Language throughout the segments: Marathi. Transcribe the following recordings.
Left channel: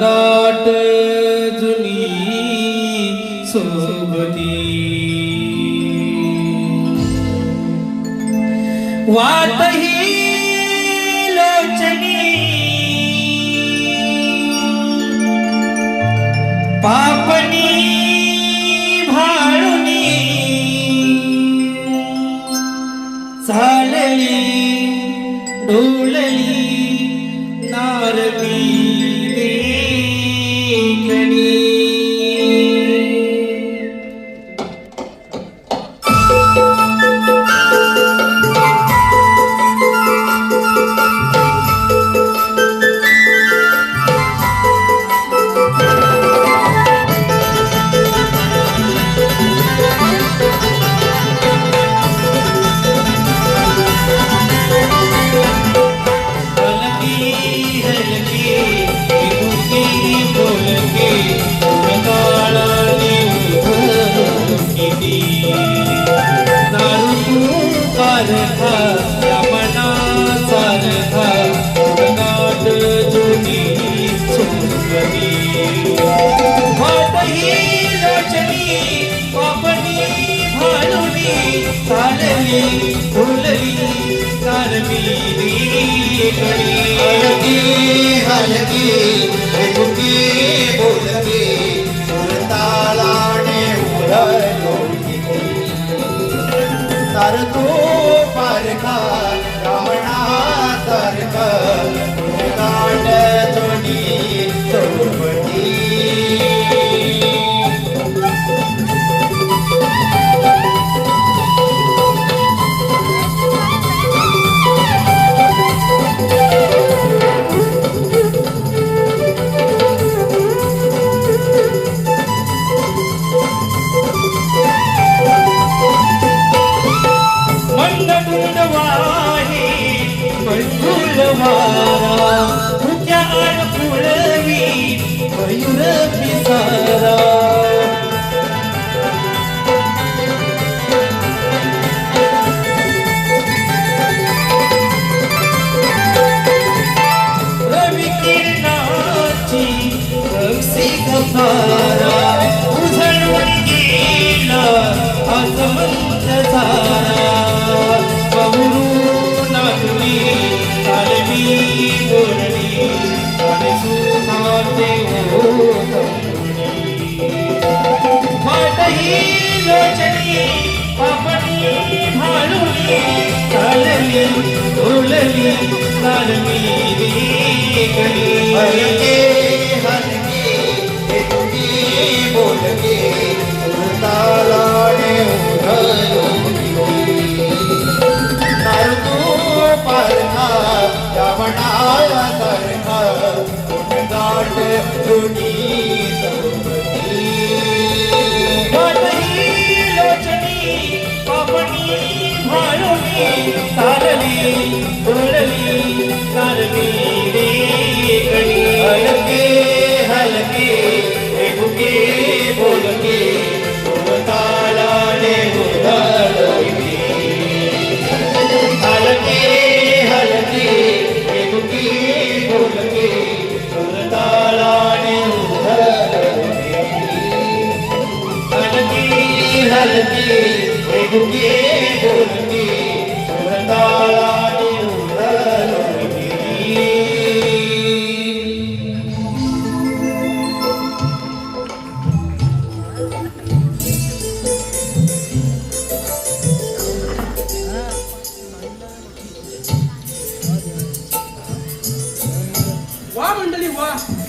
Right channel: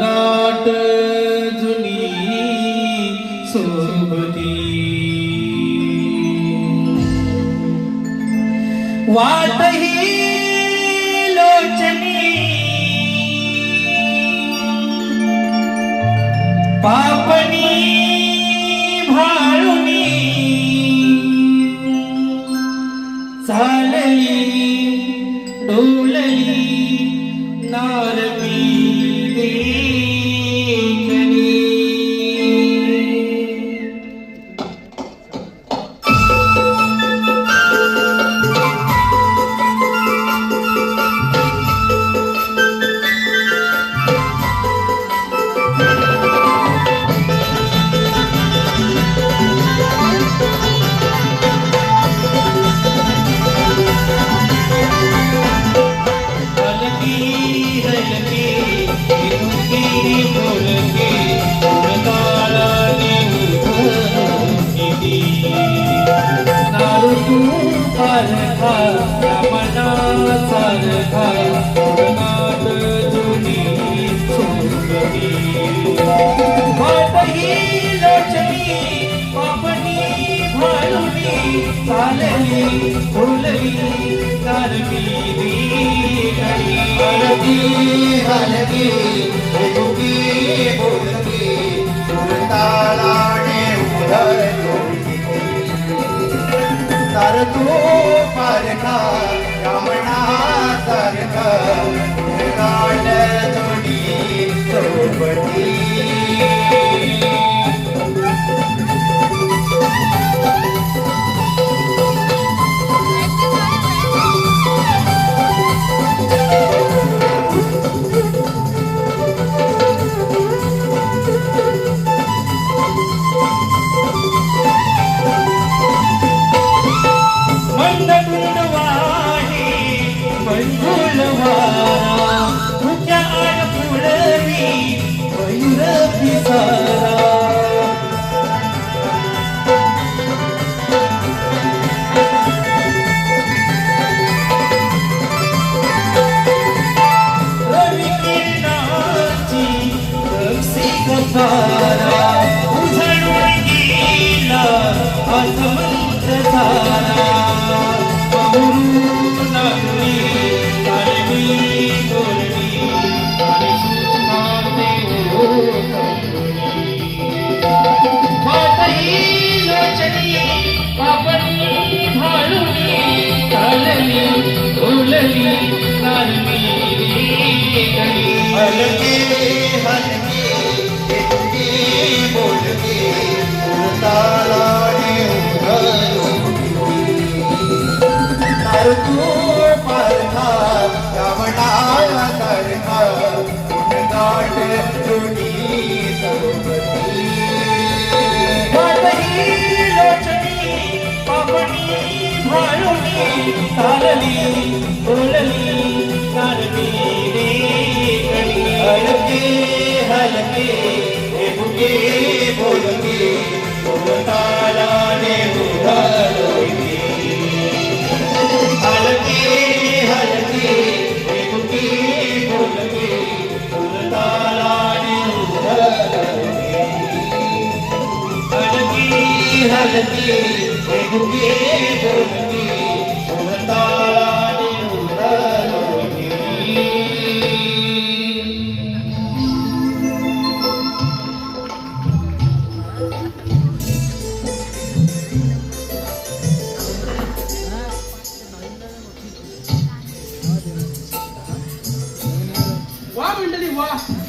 गाठ जुनी सोबती वाट ही लोचनी पापनी भाळुनी चालली डोलली नारमी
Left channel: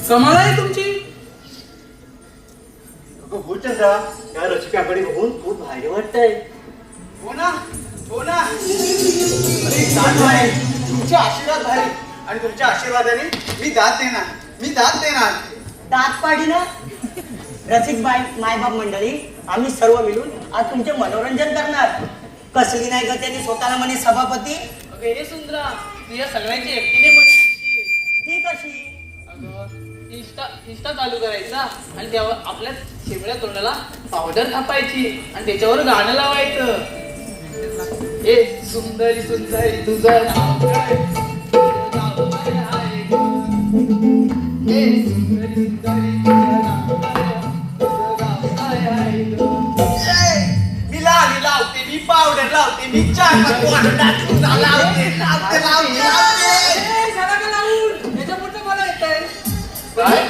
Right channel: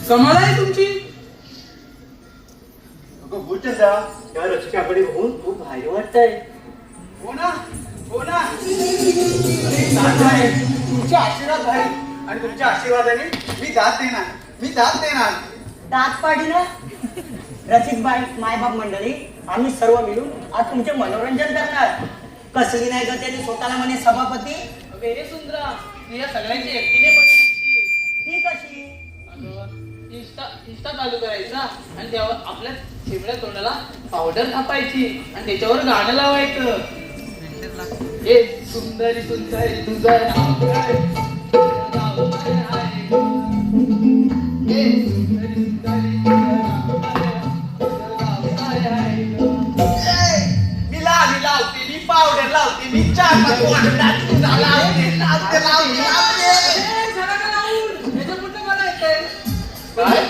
कमाल आहे तुमची. रसिकाकडे बघून खूप भारी वाटतंय. हो ना हो ना. अरे छान भारी. तुमचे आशीर्वाद भारी आणि तुमच्या आशीर्वादाने मी दात देणार. दात पाडी ना रसिक मायबाप मंडळी, आम्ही सर्व मिळून आज तुमचे मनोरंजन करणार. कसली नाही ग त्याने स्वतःला म्हणे सभापती. अगं हे सुंदरा, तुझ्या सगळ्यांची एकटीने पण ती कशी? इंस्टा चालू करायचा आणि तेव्हा आपल्या शिवड्या तोंडाला पावडर थापायची आणि त्याच्यावर गाणं लावायचं. ए सुंदरी सुंदरी तुझं नाव काय? नाव काय आहे? ए सुंदरी सुंदरी तुझं नाव काय? तुझं नाव काय आहे? मी लावते मी पावडर लावते मी चार लावते. काय?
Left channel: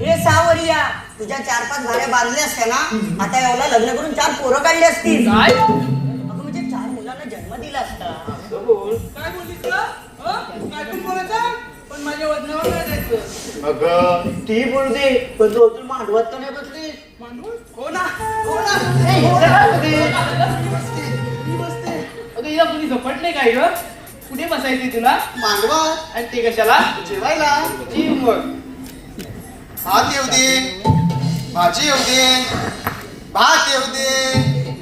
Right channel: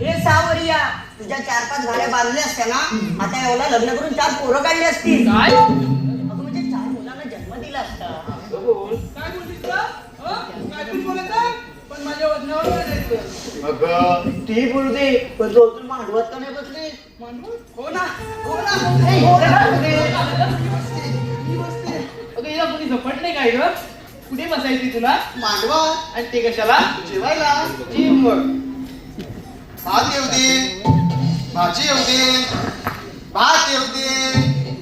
हे सावरिया, तुझ्या 4-5 घड्या बांधल्या असत्या ना, आता एवढं लग्न करून 4 पोरं काढली असतील. काय? अगं म्हणजे 4 मुलांना जन्म दिला असता. काय बोललीस का? काय पण बोलायचं पण माझ्या वजनावर नाही द्यायचं. अगं ती बोलते पण तू अजून मांडवात का नाही बसली? हो ना अगं हिला कुणी झपट नाही काय ग? कुठे बसायची तुला? मांडवा आणि ते कशाला? जेवायला. जी मग. भात येऊ दे, भाजी येऊ दे, भात येऊ दे,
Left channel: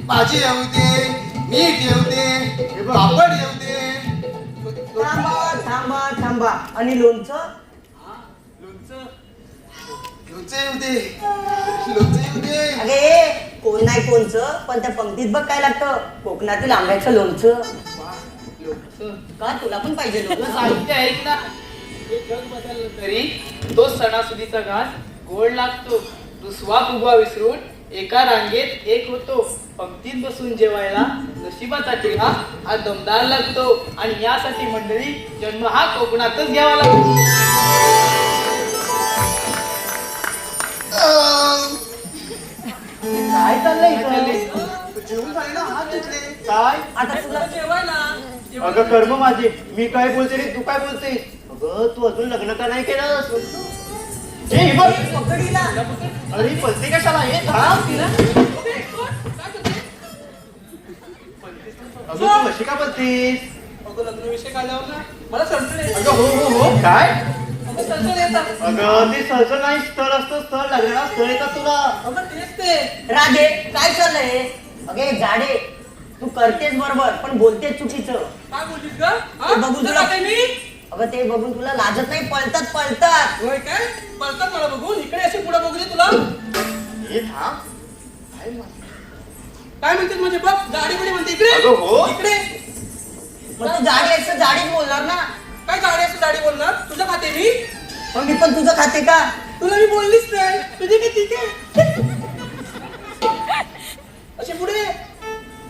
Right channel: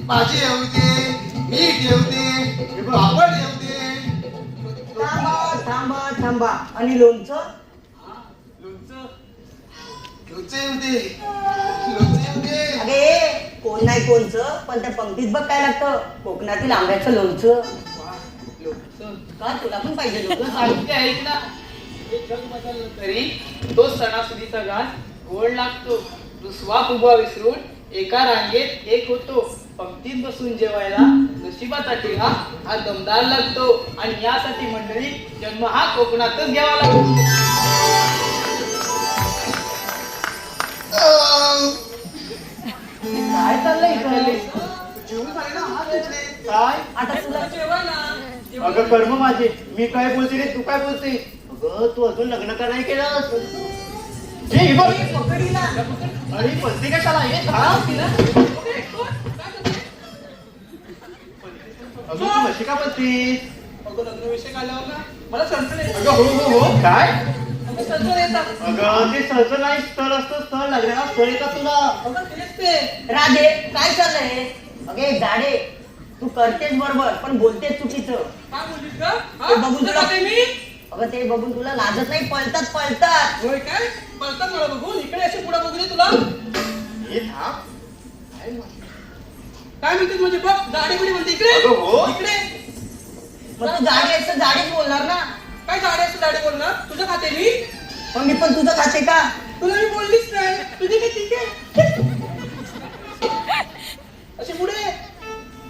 भाजी येऊ दे, मीठ येऊ दे, पापड येऊ दे. थांबा. आणि लोणचं? लोणचं येऊ दे, लोणचं येऊ दे. अरे कोण नाही कोणचं, पण त्या पंक्तीत बघ काय लागतं, कोकणातील आंब्याचं लोणचं. का तुला पण पाहिजे तुला लोणचं? सांगते ऐक ना, हे जग बदललं तरी तो सणासुदीचा घास गोड लागतो. तो स्वाद उभा विसरून एका रांगेत एक होतो. पंक्तीत बसून जेवायला नशिबाचा टिळा हा दमदार लागतो. आणि यासाठी मंडळी जन्म हा कोकणातच घ्यावा लागतो. काय चाललंय इथं? जेवण झालं ना, हात धुतले. काय? आता तुला जेवायला. अगं कर्म माझे, मी काय बोलते रे, तू काय बोलते? अगं तू अजून लग्न का नाही केलं? हे बघ, पकडीला. अरे पलते कशाला? हे थांब तिला. अगं तू कशी का बोलतीस? अगं लग्न विषय आल्यावर ना मला चणचण येते. अगं हो काय? अगं चणचण येतात. अगं ते सहज नाही स्थळ असतं, स्थळ लग्नाला स्थळ येतात तुला. अगं तेच ते. राजे काय चाललंय? अगे जाडे, तू करतेस बरोबर पण बोलतेस चुकीचं. काय बोललीस ग? ते बघून तुला तुला- काय मी? अगं ते बघून तुला लाजत नाही, पळतात. होय काय? पळतात मला बघून. इकडे अशी पुढे बघू दे तुला. हे थांब. काय म्हणते म्हणजे बघ गाडी पुढे म्हणते इकडे. अगं हो. इकडे. मग तू जाडे असं जाडेच बोलणार ना. काय गाडी असं गाडी बोलणार? तुझ्या खाते मी? मग मी पण तुझं खाते का? तुला मी बोललीच नाही. तुझी किती ठीक आहे. अशी पुढे.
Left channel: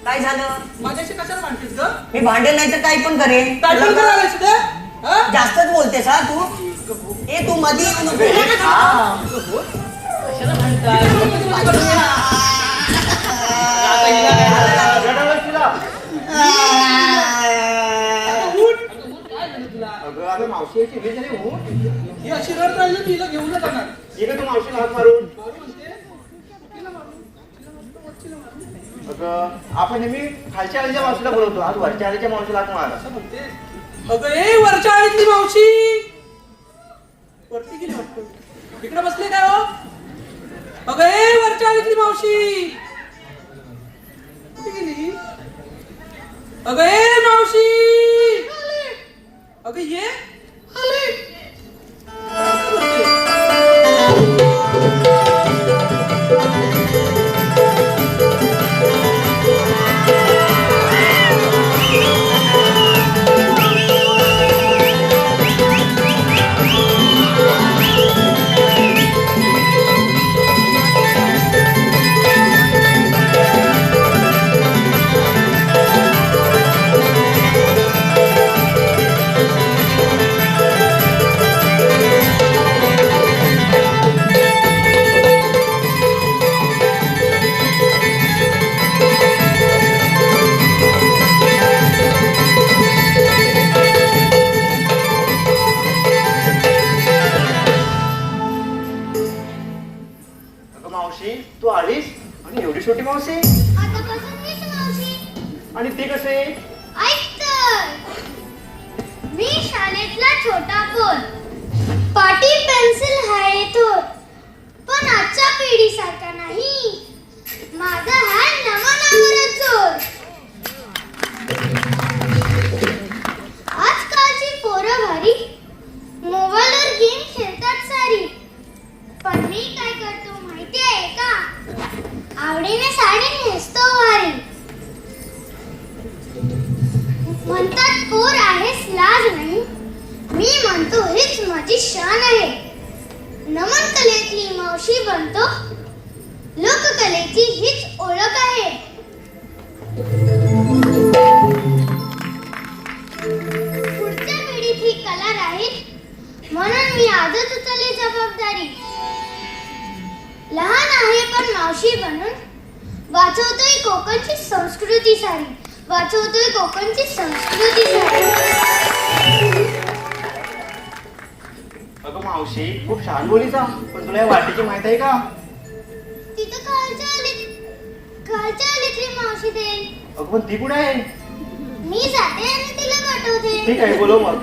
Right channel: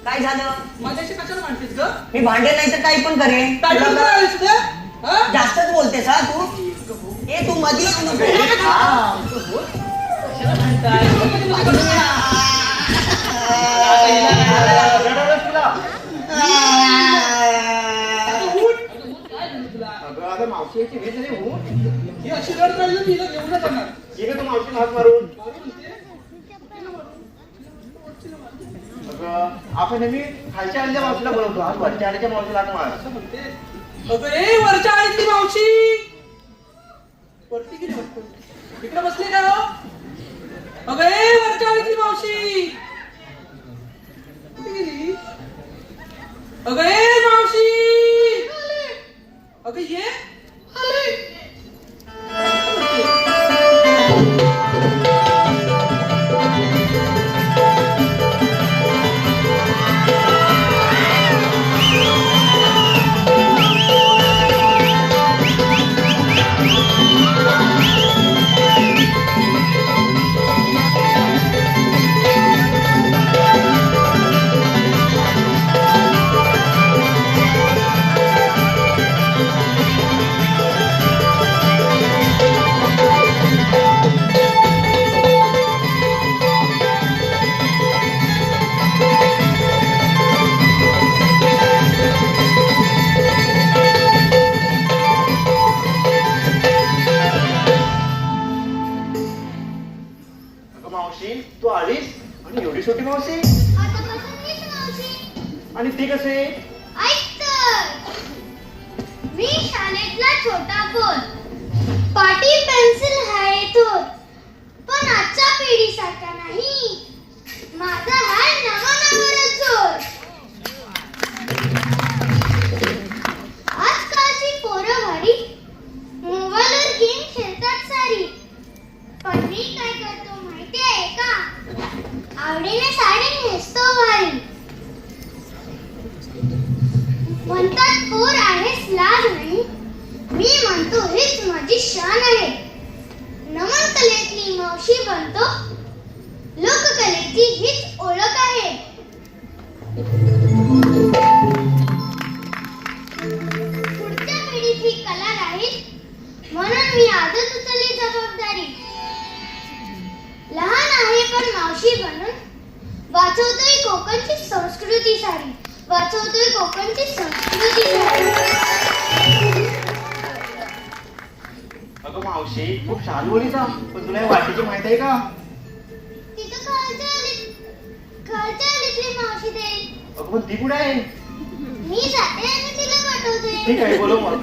काय झालं? माझ्याशी कशाला म्हणतेस ग? मी भांडेल नाही तर काही पण करेन. काय पण करायला सुद्धा? हा? जास्तच बोलतेस हा तू. ए तू मध्ये येऊ नको. कशाला म्हणतात? आता हिला काय झालं? रडायला तुला. आता उठ. काय झालं तुला? अगं अगं मावशीची भेट झाली हो. ही अशी रड राहिली तिला घेऊन नाही जाणार. ये का तू मावशीला हात मारून? कोणी म्हणते? तिला मारून. तिला मस्त वरतीला मारून. अगं आपण नेहमी खालच्या आळीच्या मावशीला बोलवतो, आज वरच्या आळीच्या मावशीला हात मार. असं म्हणते. अगं ए वरच्या आळीतली मावशी वरती गेली वाटतं. इकडे बसली काय हो? अगं ए वरच्या आळीतली मावशी कुठे गेली? अगं ए मावशी अगं ये मावशी तू आलीस आणि एवढी छोटी मावशी आतापासून मीच मावशी. आणि ते कसे ऐक तर. मी शाळेतला छोटा पोर. पाटी पेन्सिल आहे तो. पण आजच्या पिढीसारखा नाही. माझा हा नवा चोर. आजकालची पोरं भारी मोबाईलवर गेम खेळतात सारी. पण मी काय करतो माहिती आहे का? आवडीने साडी नेसतो भारी. म्हणतात पोर आहेस लाज नाही. मी म्हणतो हीच माझी शान आहे. नमन कलेतली मावशी बनतो. लोककलेची हीच ओळख आहे. पुढच्या पिढीत ही कला राहील म्हणून मी आजच उचलली जबाबदारी. लहान आहे पण मावशी बनून वाचवतोय कोकणची संस्कृती सारी. वाचवतोय कोकणची संस्कृती सारी. अगं मावशी खूप छान बोलीचा पण तुला या वाटेची माहित आहे का तिथं खालच्या आलीतली मावशी देईल. अगं पण ती कुठे आहे मी जाते आणि तिला पाठवते. ठीक आहे बोलव मग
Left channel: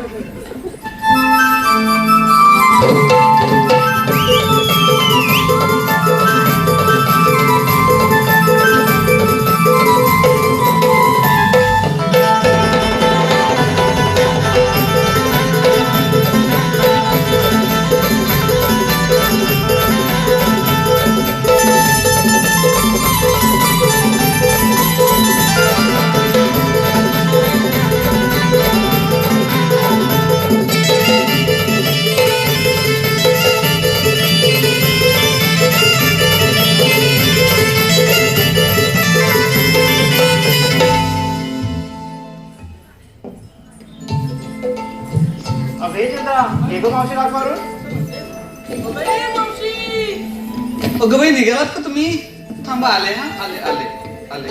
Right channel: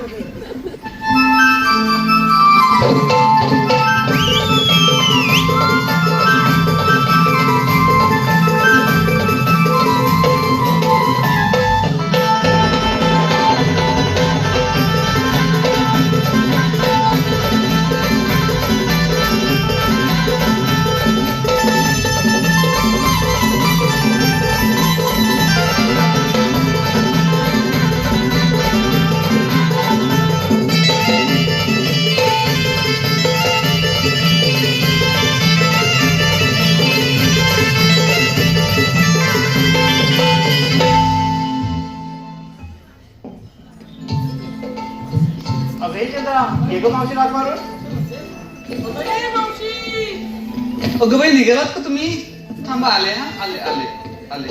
मावशी का करू अगं बाई निघालात का तुम्ही? थांबा आले ना आले आले आले.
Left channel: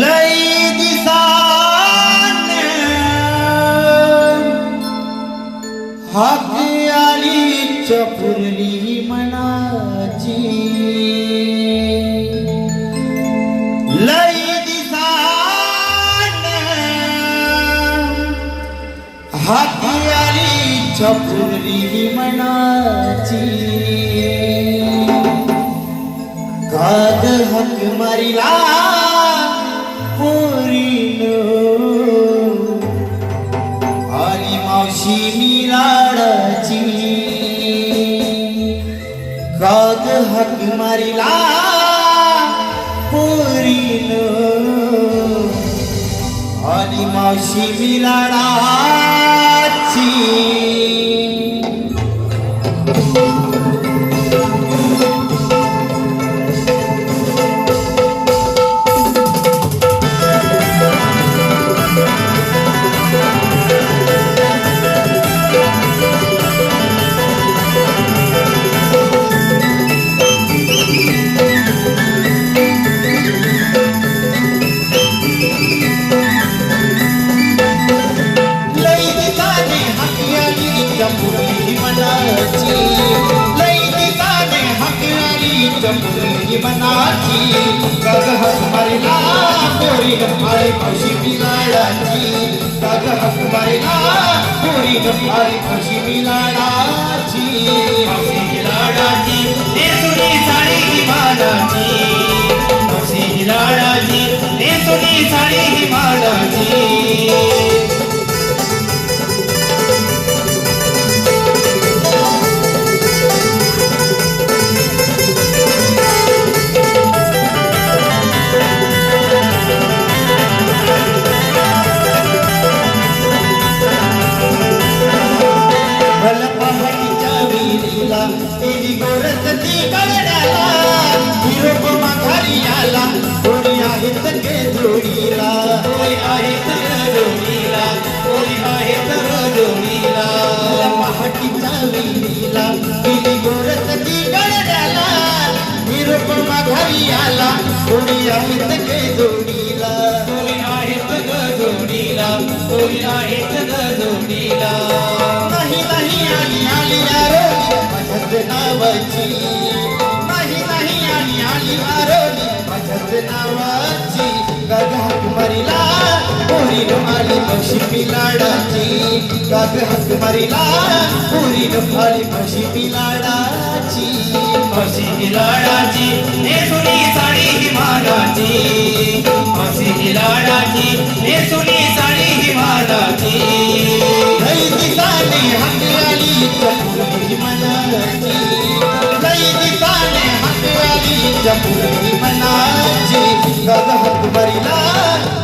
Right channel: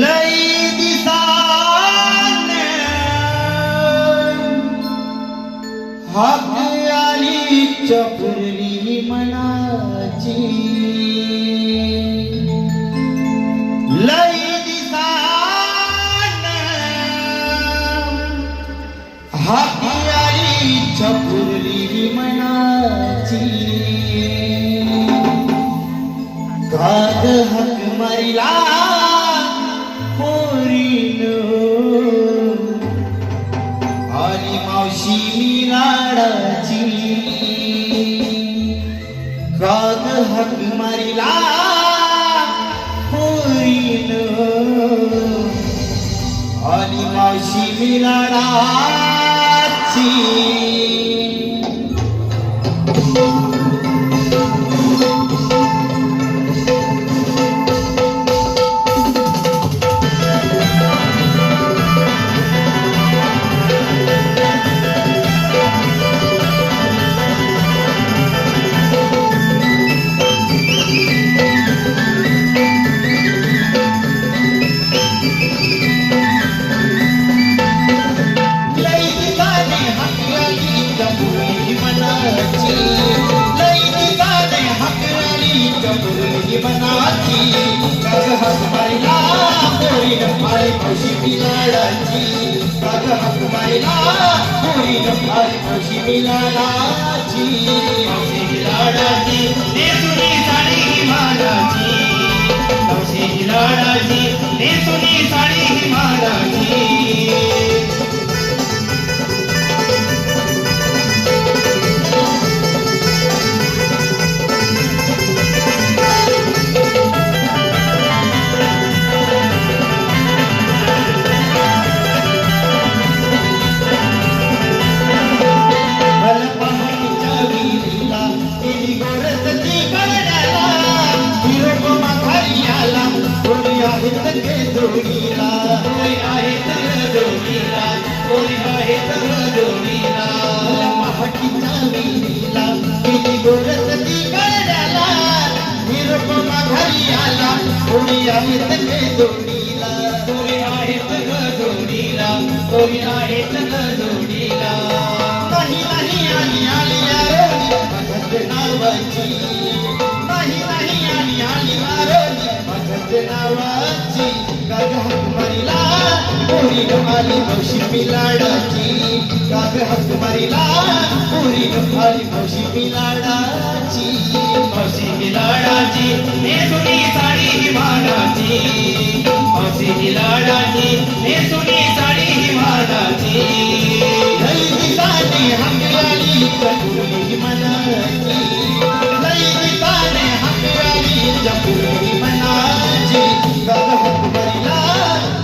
लई दिसाने हात आली चपुरली मनाची. लई दिसाने हात आली चपुरली मनाची. काद हक मारिला आली मावशी मी लाडाची. काग हक मारिला पोरीनो आली मावशी मी लाडाची. पोरी आहेत गणुनीला. नाही नाही आली आली आरोगी माझ्याच नावाची. नाही नाही आली आली आरोगी माझ्याच नावाची. गाग हाक मारीला पोरीनं आली मावशी मी लाडाची. गाग हाक मारीला पोरीनं आली मावशी मी लाडाची. मावशी मी लाडाची नेसुनी साडी ही माडाची. मावशी मी लाडाची नेसुनी साडी ही माडाची. लई दिसाने हाक आली पोरी मनाची. लई दिसाने हाक आली पोरी मनाची. गाग हाक मारीला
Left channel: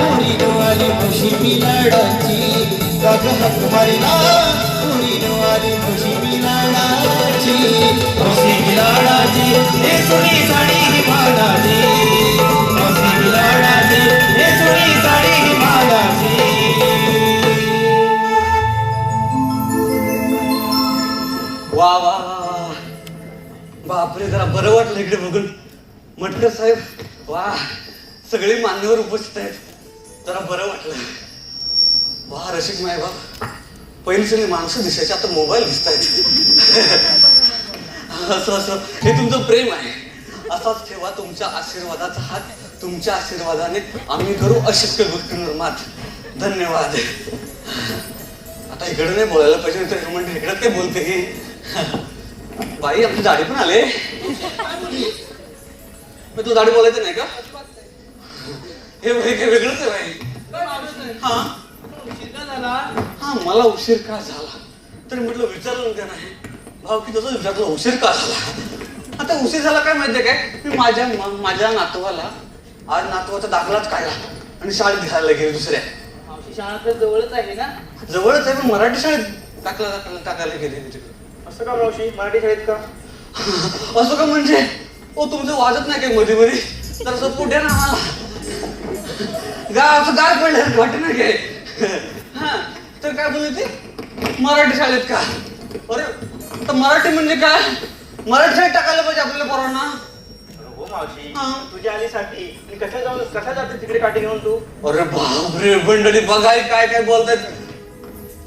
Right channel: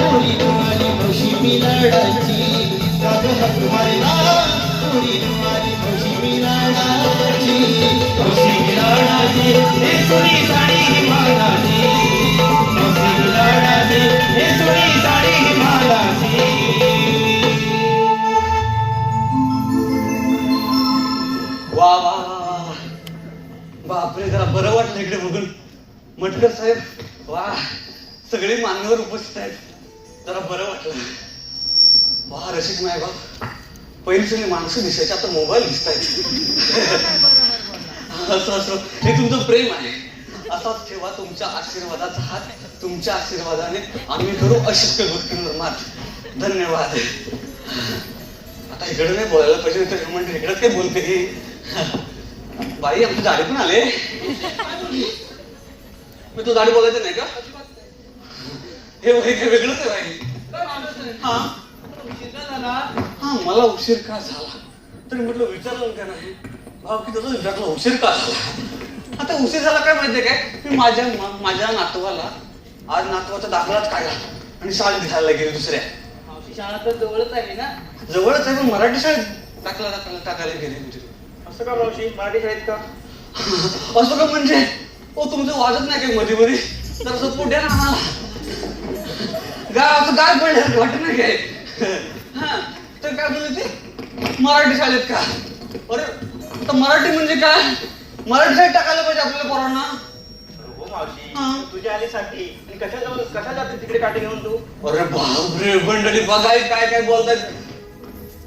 पोरीनं आली मावशी मी लाडाची. गाग हाक मारीला पोरीनं आली मावशी मी लाडाची. मावशी मी लाडाची नेसुनी साडी ही माडाची. मावशी मी लाडाची नेसुनी साडी ही माडाची. वा वा वा. बापरे, जरा बरं वाटलं इकडे बघून. म्हटलं साहेब वा, सगळे मान्यवर उपस्थित आहेत, जरा बरं वाटलं. वा रसिक मायबाप, पहिली सगळी माणसं दिसायची, आता मोबाईल दिसत आहेत. असं असं हे तुमचं प्रेम आहे. असाच ठेवा तुमच्या आशीर्वादाचा हात. तुमच्या आशीर्वादाने आम्ही करू अशक्य गोष्टींवर मात. धन्यवाद. आता इकडे नाही बोलायला पाहिजे, तर म्हणजे इकडे काय बोलते ही बाई. आपली दाढी पण आले. तू दाढी बोलायचं नाही का? हे वेगळंच आहे बाई. हा हा, मला उशीर का झाला तरी म्हटलं विचारलं का नाही भाऊ की तसं विचारलं उशीर का झाला. आता उशीर झाला काय माहितीये काय, मी माझ्या नातवाला आज नातवाचा दाखलाच काढला आणि शाळेत दिसायला गेले. दुसऱ्या शाळा तर जवळच आहे ना. जवळच आहे, पण मराठी शाळेत टाकायला गेले. असं का मावशी, मराठी शाळेत का? असं का म्हणजे ओ तुमचं वाजत नाही काय मध्ये मध्ये, तर असं पुढे ना असं गाय पडलं वाटत नाही काय. हा तर काय बोलले ते मराठी शाळेत का. अरे तर मराठी म्हणजे काय, मराठी शाळेत टाकायला पाहिजे आपल्याला पोरांना. हो मावशी, हा. तुझ्या आलीसाठी आणि कशा जाते तिकडे काठी घेऊन तू? अरे बापरे मंडळी बघाय काय काय बोलतात.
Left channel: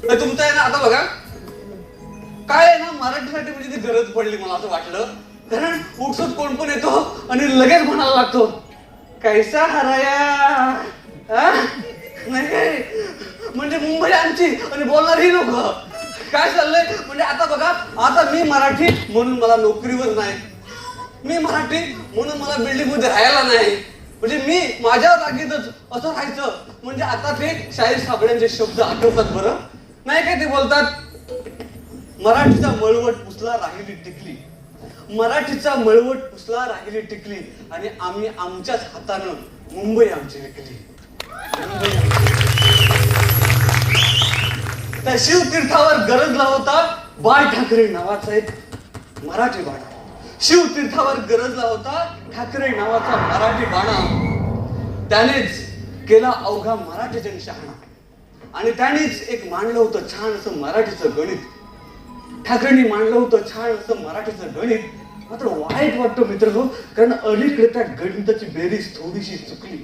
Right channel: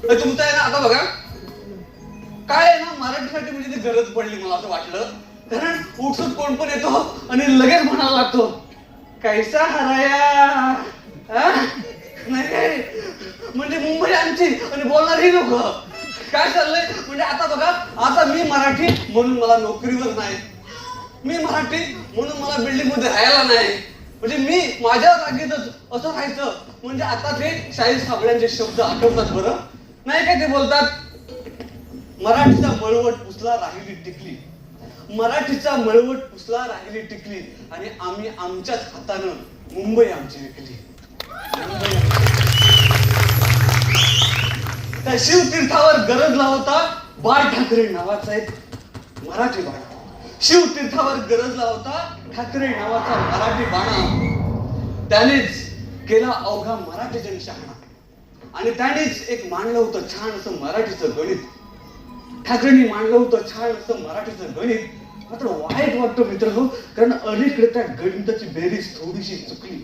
तुमचं आहे ना आता बघा काय आहे ना, मराठीसाठी म्हणजे ती गरज पडली मला असं वाटलं. कारण उठसूट कोण पण येतो आणि लगेच म्हणायला लागतो कैसा हराया. नाही काय म्हणजे मुंबई आमची आणि बोलणार ही लोक. काय चाललंय म्हणजे आता बघा, आता मी मराठी म्हणून मला नोकरीवर नाही, मी मराठी म्हणून मला बिल्डिंग मध्ये राहायला नाही, म्हणजे मी माझ्या जागेतच असं राहायचं. म्हणजे आता ते शाहीर साबळ्यांचे शब्द आठवतात बरं नाही काय. ते बोलतात मराठीचा मळवट पुसला राहिली टिकली. मराठीचा मळवट पुसला राहिली टिकली आणि आम्ही आमच्याच हातानं मुंबई आमची विकली. त्या शिवतीर्थावर गरजला होता बाळ ठाकरे नावाचा एक मराठी बाणा. शिवतीर्थावर गरजला होता ठाकरे नावाचा मराठी बाणा. त्यानेच केला अवघा मराठी जनशहाणा आणि त्यानेच एक मांडलं होतं छान असं मराठीचं गणित. ठाकरेंनी मांडलं होतं छान असं मराठीचं गणित. मात्र वाईट वाटतं मित्रांनो, कारण अलीकडे त्या गणिताची बेरीज थोडीशी चुकली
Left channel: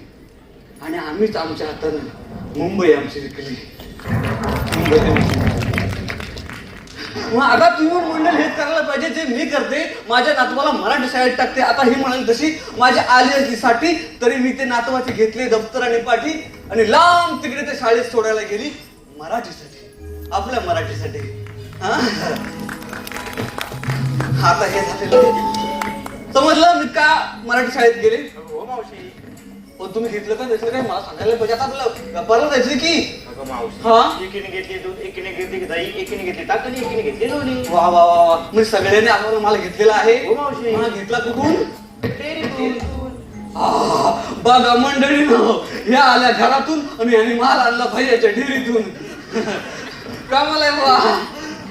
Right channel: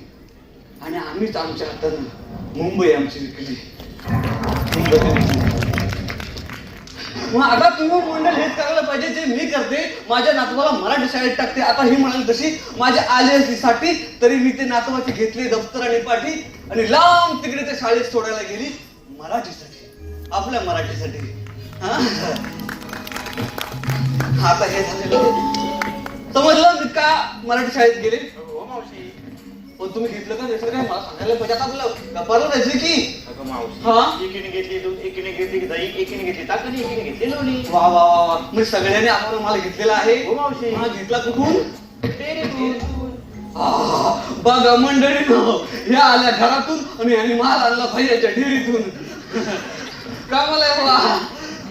आणि आम्हीच आमच्या हातानं मुंबई आमची विकली. मग आता तुम्ही मंडळ हेच करायला पाहिजे जे मी करते. माझ्या नातवाला मराठी शाळेत टाकते. आता ही म्हणाल तशी माझ्या आलेसाठी तरी मी ते नातवाचे घेतले दप्तर आणि पाठी आणि लांब तिकडे त्या शाळेत सोडायला गेली मराठीसाठी, आपल्या मराठीसाठी. आता हे झालेलं समजलं मी का मराठी शाळेत गेले. हो मावशी. हो तुम्ही घेतलं का दुसरं काय मला सांगायला पाहिजे. आता तुला गप्पाला जायचं की हा एकीने घेतली दूध, एकीने घेतली दही, एकीने घेतली ताक आणि एकीने घेतली लोणी. वा वा वा, मी सगळ्यांनी आपल्याला मला घेतलेला आहे. हो मावशी. मला घेतला कुठून डेअरीतून. बघा मंडळी ह्या आल्या घरातून आणि यांनी माल आणला भैयाच्या डेअरीतून. कामाला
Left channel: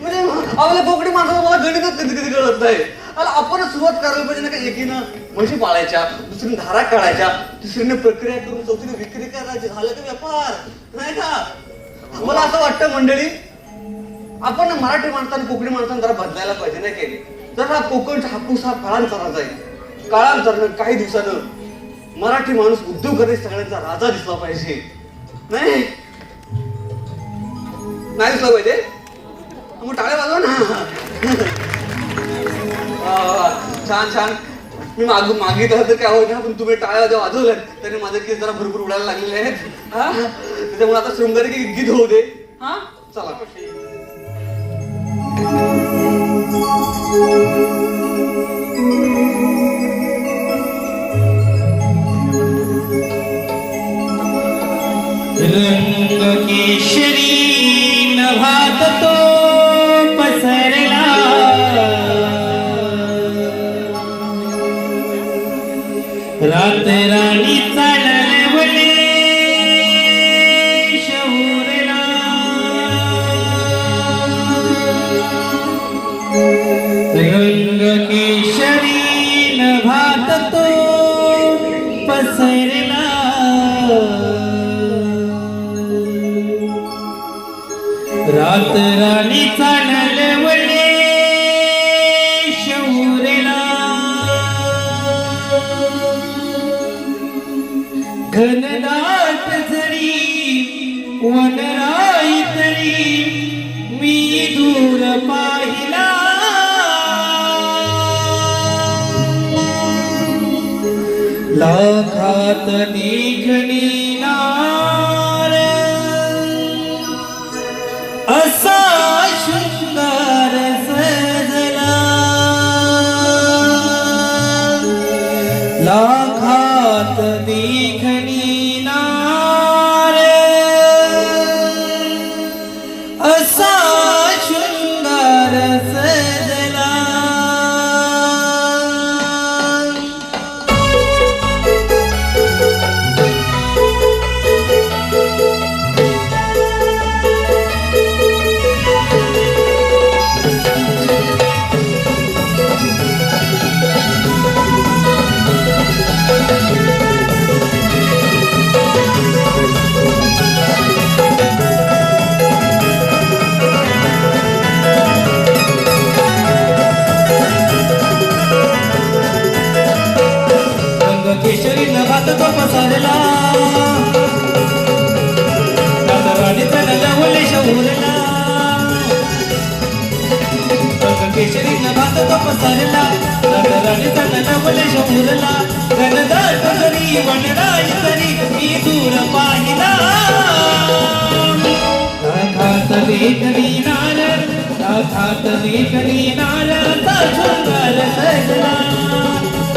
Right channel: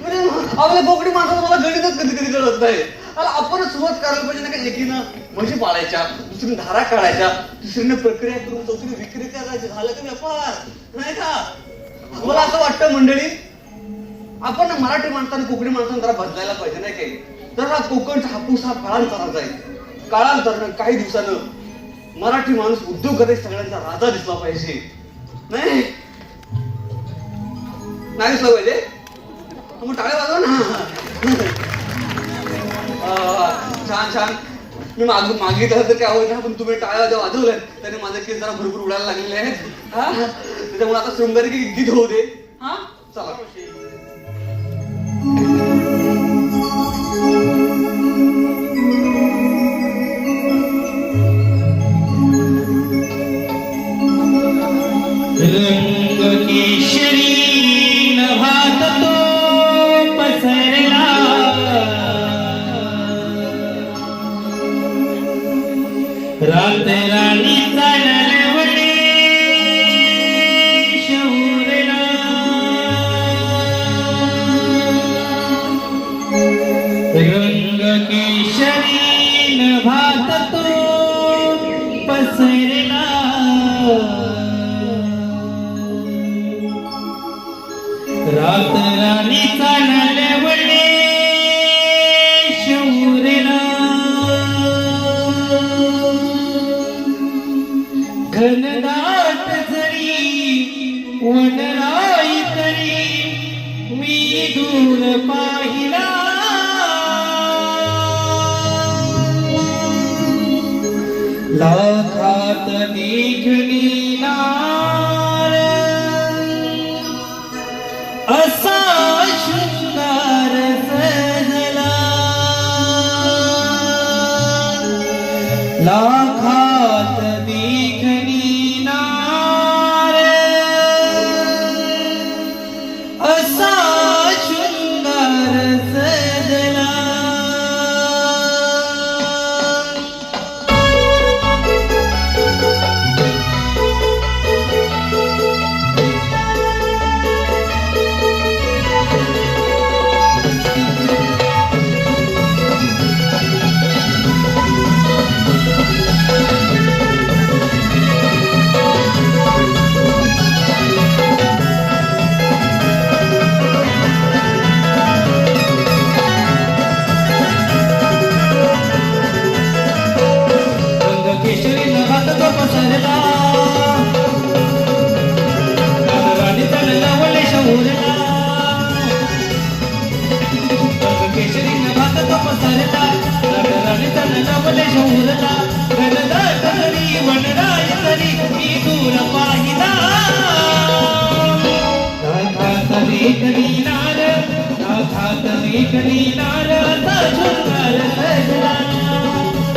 म्हणजे आपल्या बोकडी माणसाला मला गणितच कधी कधी कळत नाही. आपणच सुरुवात करायला पाहिजे ना का. एकीनं म्हशी पाळायच्या, दुसरीने धारा काढायच्या, तिसरीने प्रक्रिया करून चौथीने विक्री करायची, झालं का व्यापार नाही का. मला असं वाटतं मंडळी आपण मराठी माणसाने कोकणी माणसाने जरा बदलायला पाहिजे नाही काही. जरा कोकणचा हापूस हा काळांतराचा आहे. काळांतरानं काही दिवसानं मराठी माणूस उद्योगमध्ये सगळ्यांचा राजा दिसला पाहिजे नाही. नाही दिसलं पाहिजे तुम्ही टाळ्या वाजवा ना. छान छान. मी मागितलं तर काय आवडणार पण तुम्ही टाळ्या जेव्हा वाजवलं त्याने माझे केस जरा भरपूर उडायला लागलेले आहेत. हा त्याच्यामुळे आता शृंगारी गीत होऊ दे. हा चला. रंग केशरी नभात तो पसरला रात राणी चढवली शौर्यला रंग केशरी नभात तो पसरला रात राणी चालवली शौर्यला घनदाट जरी वनराई तरी मी दूर पाहिला लाखात निघणी असा सुंदर सजला लाखात देखणी नार असा सुंदर सजला केशरी नभात तो पसरला राणी चढवली शौर्यला केशरी नभात तो पसरला राणी चढवली शौर्यला घनदाट जरी वनराई तरी मी दूर पाहिला लाखात देखणी नार लाखात देखणी नार सुंदर सजला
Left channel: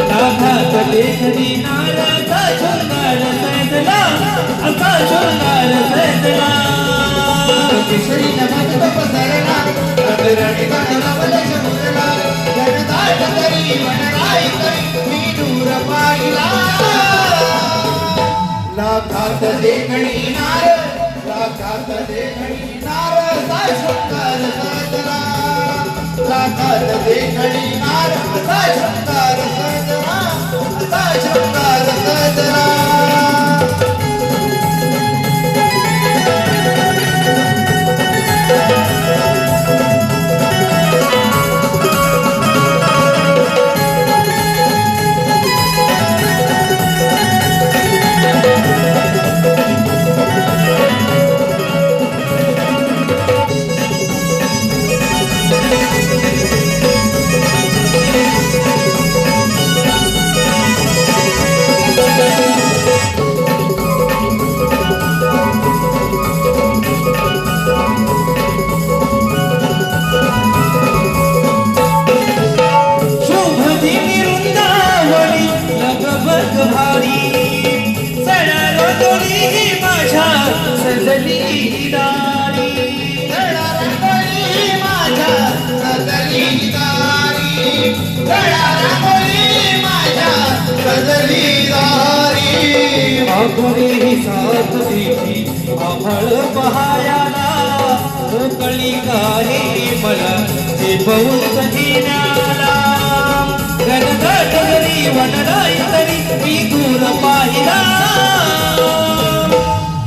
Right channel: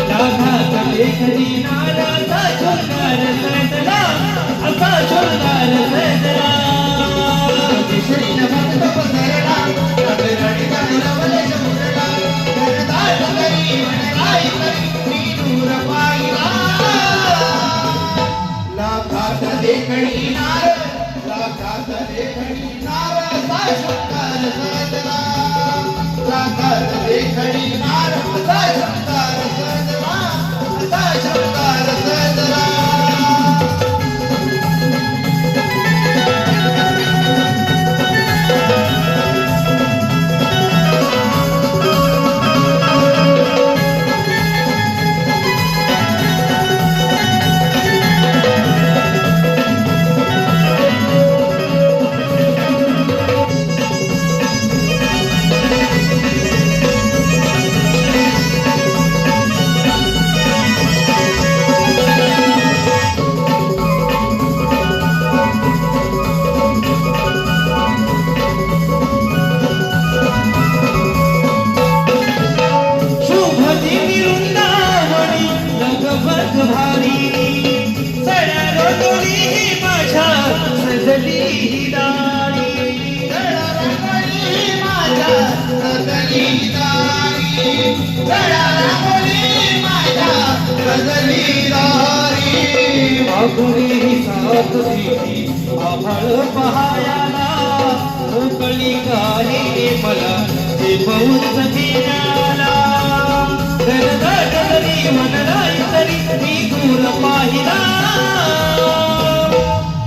लाखात देखणी नाराचा सुंदर सजला असा सुंदर सजला केशरी नभात तो पसरला राणी चढवली शौर्यला घनदाट जरी वनराई तरी मी दूर पाहिला लाखात देखणी नाराचा सुंदर सजला लाखात देखणी नाराचा सुंदर सजला असा सुंदर सजला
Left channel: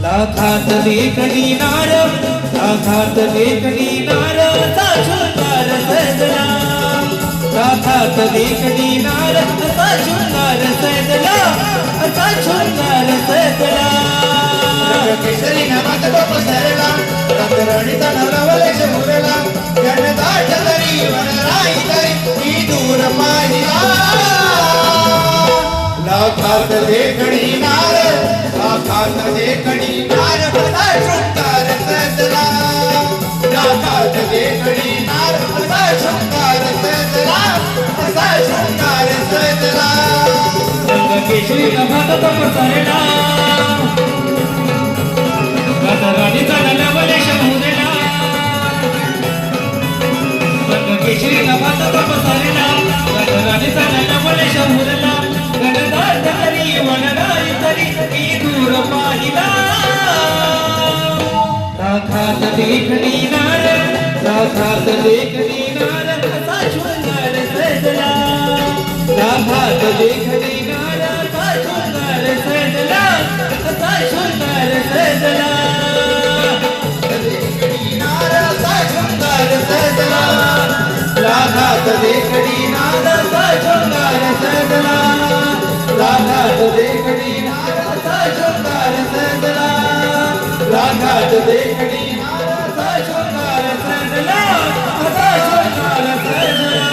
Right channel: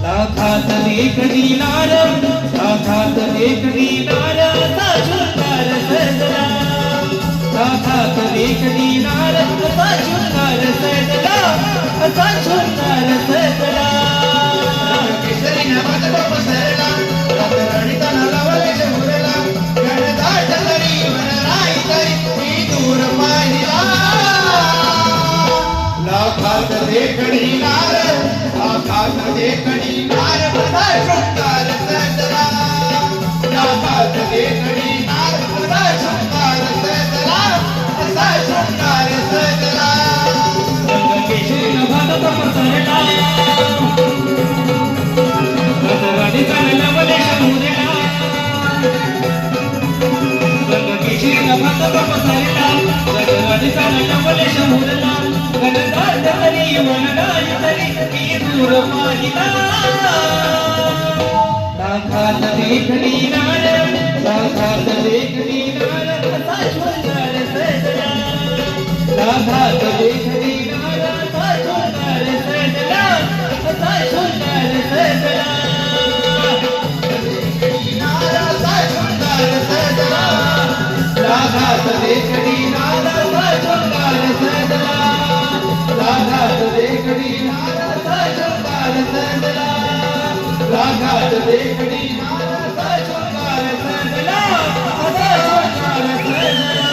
लाखात देखणी नार लाखात देखणी नाराचा सुंदर सजला लाखात देखणी नाराचा सुंदर सजला असा सुंदर सजला केशरी नभात तो पसरला रात राणीचा देखणीनार असा शृंगार सजला असा शृंगार सजला केशरी नभात पसरला गजराडीचा नवले शंभूदेला केशरी नभात पसरला गजराडीचा नवले शंभूदेला गणदारी मनगाई तरी की दूर पाहिला साक्षात देखणीनार साक्षात देखणीनार असा शृंगार सजला साक्षात देखणीनार असा शृंगार सजला असा शृंगार सजला देखणीनार असा शृंगार सजला राधात देखणीनार असा शृंगार सजला राधात देखणीनार असा शृंगार सजला राधात देखणीनार असा शृंगार सजला असा शृंगार सजला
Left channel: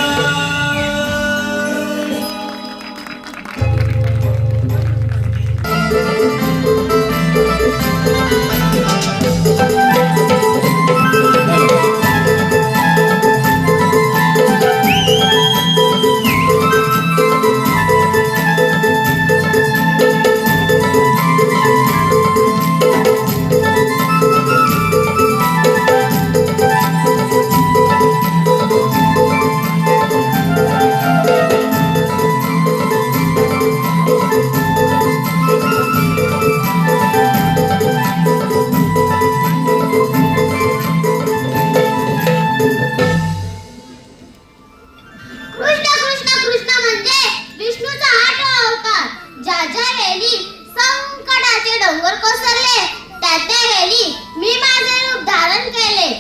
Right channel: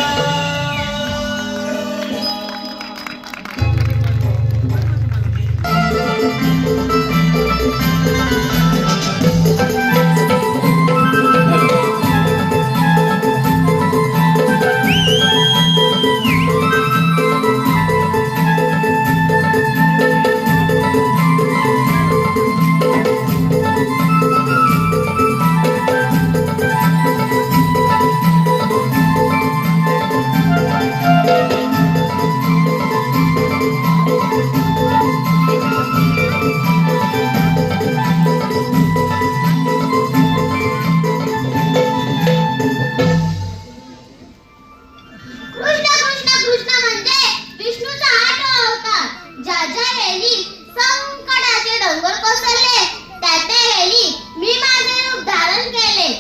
कृष्ण कृष्ण कृष्ण म्हणजे विष्णूचा 8वा अवतार. ज्या ज्या वेळी संकटाचे डोंगर कोसळले त्या त्या वेळी मी माझे रूप धारण केले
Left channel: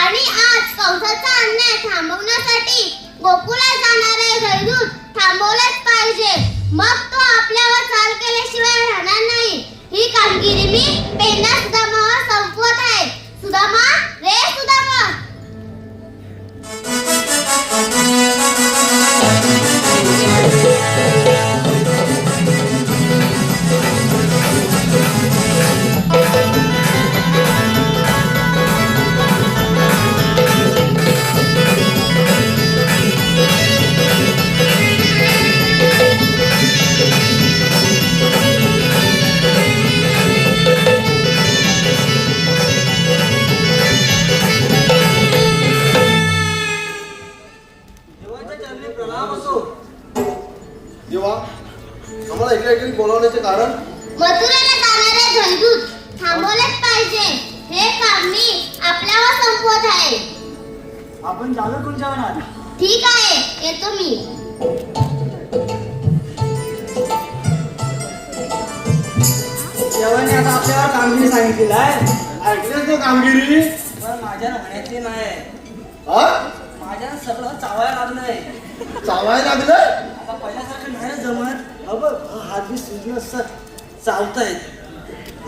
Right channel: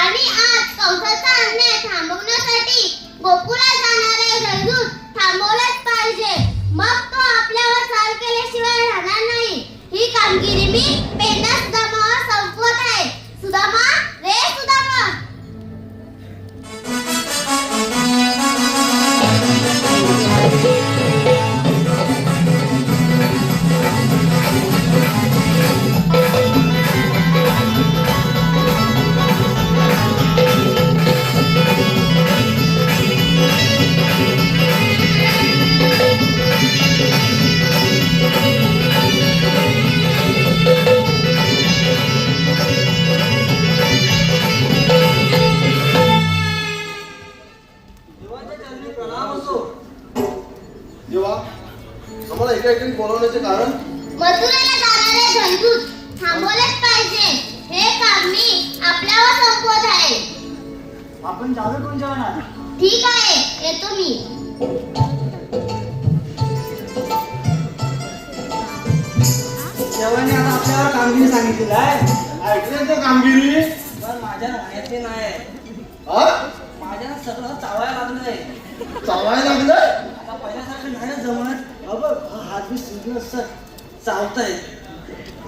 आणि आज कंसाचा अन्याय थांबवण्यासाठी गोकुळात जाणारे जयदूत थांबवलेच पाहिजे. मग तो आपल्यावर चाल केल्याशिवाय राहणार नाही. ही कामगिरी मी पेना सुदामावर संपवत आहे. सुदामा रे सुदामा. देवाच्या चरणी प्रणाम असो. देवा आम्हाला इकडे बोलवण्याचे कारण मथुरेला जाणारे जयदूत थांबवलेच पाहिजे. हे काम मी आपल्यावर संपवत आहे. आपण जाऊ तुमच्यावर ना. ठीक आहे, येतो मी. देवाने आता आपल्यावर कामगिरी सांगितलेली आहे. ऐकण्याची कामगिरी पण माझ्या म्हणण्याचे नाही. हा माझ्या सगळं चावायला लागलंय. चावायला लागलं आता पहिल्यासारखं नाही ना जमत. हात बी सुजले असतात. चावतायत.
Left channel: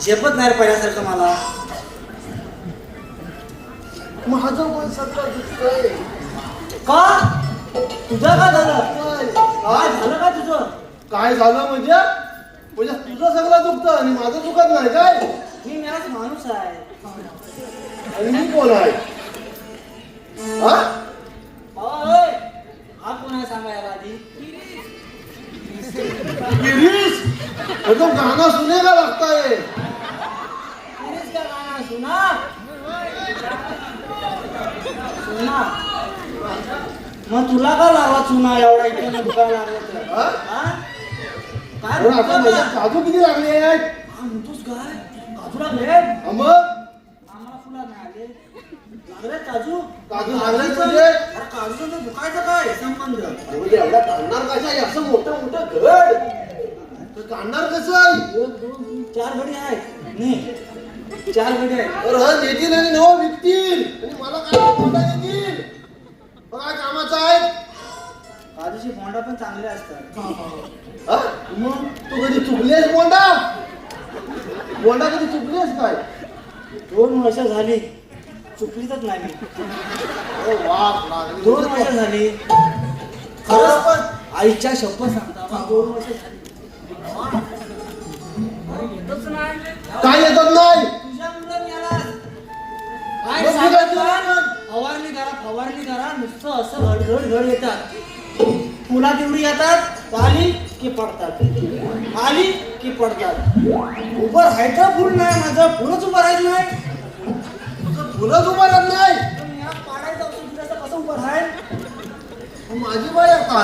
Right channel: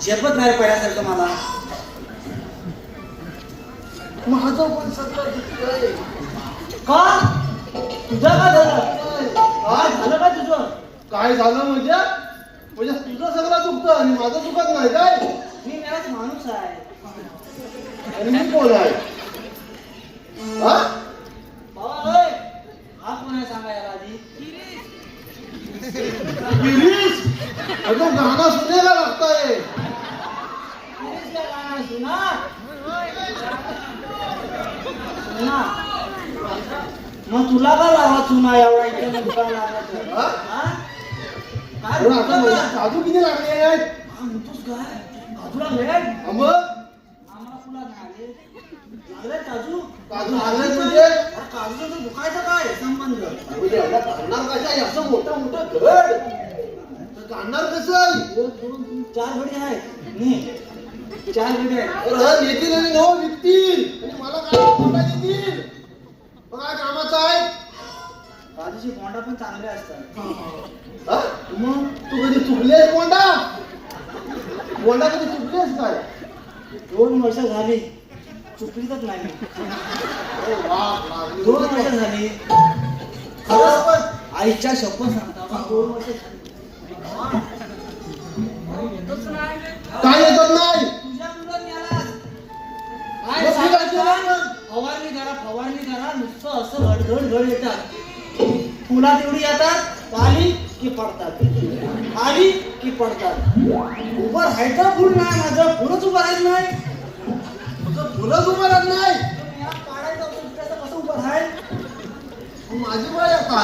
झेपत नाही पहिल्यासारखं मला. माझं पण सगळं दुखतंय. का तुझं काय झालं? काय झालं का तुझं? काय झालं म्हणजे तुझं सगळं दुखतं आणि माझं दुखत नाही काय मी मेलाच माणूस आहे. आणि मी कोण आहे हा होय. हा कोणाला सांगायला आधी? गिरीश अजून गाणं सुनेला लागतंय गिरीश का गाणं सुना? सुना? मग तुला का लागला चुना एवढा इथे दुकान लागला तर? हा? हा? काय अरे आता म्हणतो माझी काजू किती लागले आहेत हा म्हणतोस काय? काजूला भेट? हा मग आम्हाला तुला लागले. लागले काजू? काजू लागले तुझे अरे काजूचं तर दुखायचं काय संबंध? म्हणजे एवढा काढणार कशा आहे? असं मोठं मोठं घर तर काढणार कसं आहे 1, 2, 3, 4 घडी आहे. नाही 4 घडी आहे. तर हा येतील आणि नवं विकतील आणि मला काय कोंडा येतील मग काय कामाचं आहे काजूची कोंडा पण चांगले असतात. हा? मग तू कधी चुकलेस कोंडा कधी चुकलेस काय 2 वर्ष झाली चुकलीच नाही मी. अरे वा 2 वर्ष झाली. खरंच पण आईच्या शपथ सांगता 2 वर्ष झाली. काय येतात नाही तुझ्यामुळे मेलास. काय मग सांगायचं? तुला फवारणी करा नुसतं असं घड येतात. पुन्हा तेवढी येतात, आली की पडतात. उभं राहायचं फुल नाही, माझं फुलच उभं राहायचं नाही. फुलंच उभं राहत नाही. पाडायचं औषध फिरायचं कसं उभं राहाय? माझी बाय आता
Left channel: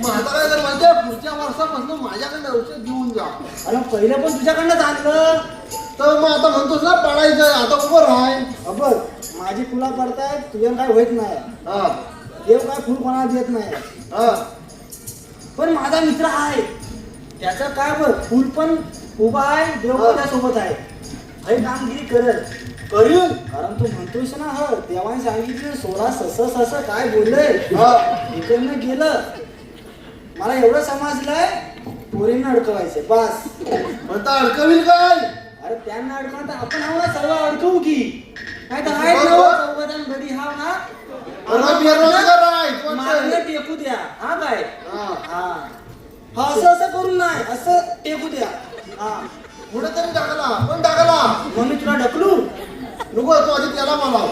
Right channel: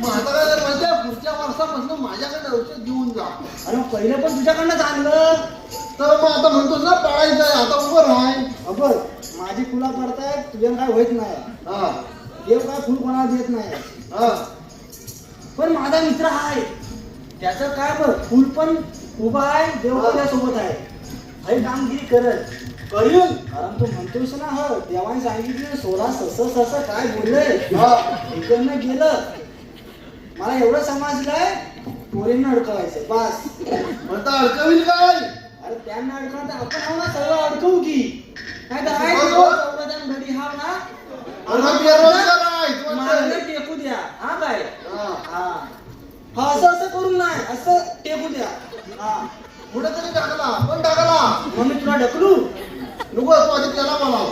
मग आता काय जर म्हणते पुढच्या वर्षापासून माझ्याकडे औषध घेऊन जा. आणि पहिलं पण तुझ्याकडनं आणलं. तर मग आता म्हणतोस ना पाडायचं, आता उभं राहाय. बघ माझी फुला पडतायत, तुझ्या काय होत नाही. हा देव काय फुल कोणाला देत नाही. हा पण माझा मित्र आहे, त्याचं काय बघ, फुल पण उभा आहे, देव पण त्यासोबत आहे. हे कामगिरी करत करीन. कारण तू म्हणतोस ना, हो देवाने सांगितलं 16 सस काय बोललंय. इकडनं गेलं, मला एवढं समजलंय, पोरींना अडकवायचं बस. आता अडकवील काय? अरे त्यांना अडकवलं तर आपण आम्हाला सगळं अडकवू की नाही तर आहे चौघजण घडी हा ना. अरे बेरोजगार आहे. मागं टेकू द्या. हा काय हा. हा असं करून नाही, असं टेकू द्या. हा कुठेतरी टाकला, पण टाकला. मग मी तुला ढकलू नको तू आधी त्याला बोलाव.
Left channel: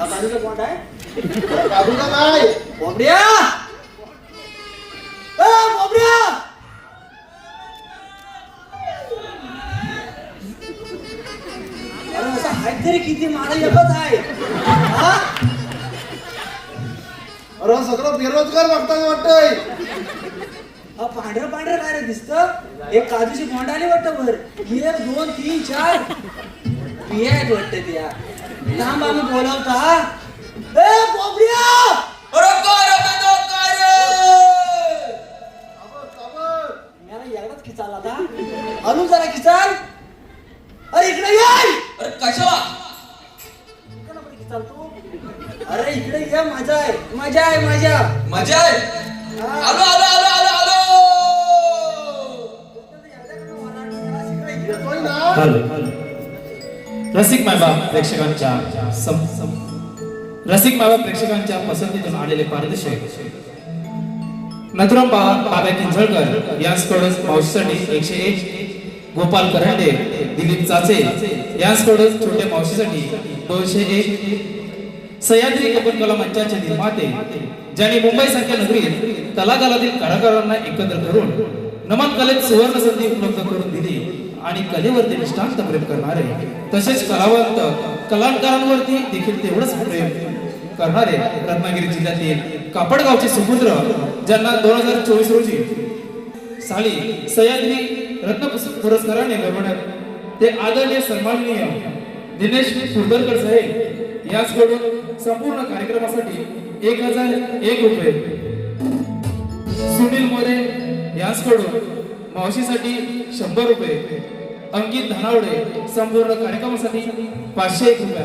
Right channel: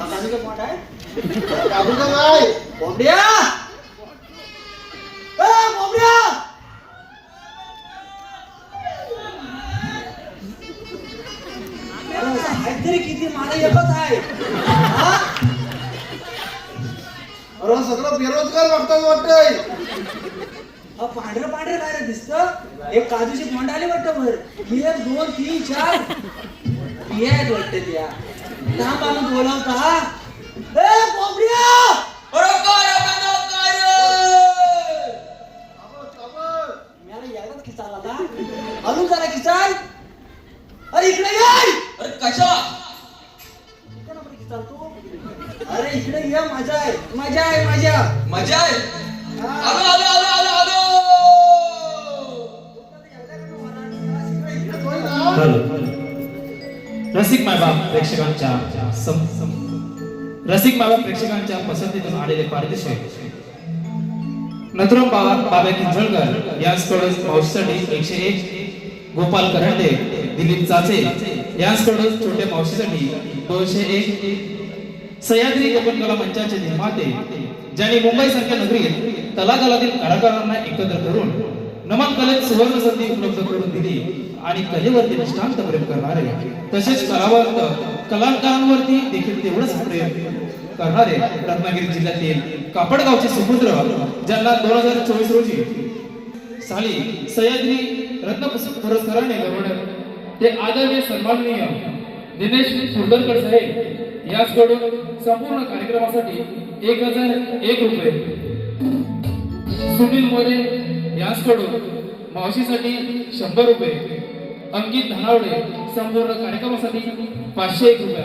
गाडीचं पोट आहे बाबूला काय? बोबड्या, ए बोबड्या, अरे असं आहे तरी किती मला एकच आहे. हा? अरे सगळं बेरोजगार वाटतंय. हा पांढरं काय रे दिसतं? एक काजूची तोंड आली वाटतं वर. 1 2 3 4 बिया आहेत वाटतं त्या. थांब आम्ही बोलवता. ए बोबड्या, मला एवढाच खिचाल आला. अजून जरा खिचाल. अरे इकडे ये. कशा खिचाल तू. अरे इकडे ये, मजा आहे मजा आहे. आलो आलो आलो आलो आलो. हॅलो रसिक मायबाप प्रेक्षकांच्या पसंतीतून आलेले पारितोषिक नथुराम बाबा किंजळकर यांच्याकडून मावशीसाठी 101, गोपाल करंडे, दिलीप चाचे यांच्याकडून छोट्या मावशीसाठी 201, सह्याद्री कला मंचाचे निर्माते ज्यांनी मुंबईसारख्या नगरीत तलागालातील कलाकारांना एकत्र करून नमन कलेत सुवर्ण संधी उपलब्ध करून दिली आणि कलेवरती निष्ठांत प्रेम करणारे, तसेच कलाकारांवरती देखील तेवढंच प्रेम करणारे रत्नागिरी जिल्ह्यातील कापडगावचे सुपुत्र ज्यांना 2024 रोजी साली सह्याद्री रत्न पुरस्काराने गौरवण्यात ते आदरणीय सन्माननीय दिनेश कुर्दरकर साहेब याचकडून संपूर्ण कार्यक्रमासाठी 1001 रुपये, सुनील मोरे याचकडून मावशीसाठी 100 रुपये, अंकित धनावडे संपूर्ण कार्यक्रमासाठी 501 रुपये.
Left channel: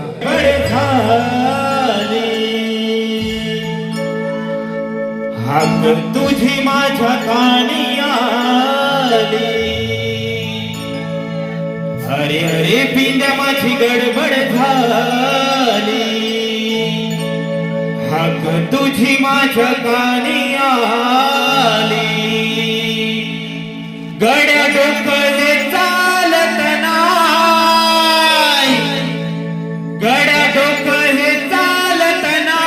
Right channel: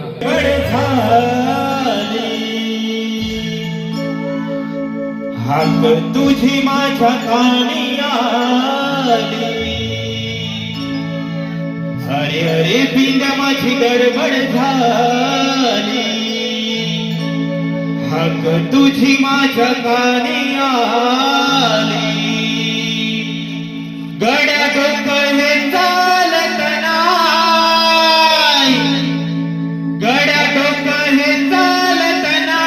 हाक तुझी माझ्या कानी आली. अरे अरे पिंड्या माझी गडबड झाली. हाक तुझी माझ्या कानी आली. गड्या डोकं हे चालत नाही. गड्या डोकं हे चालत नाही.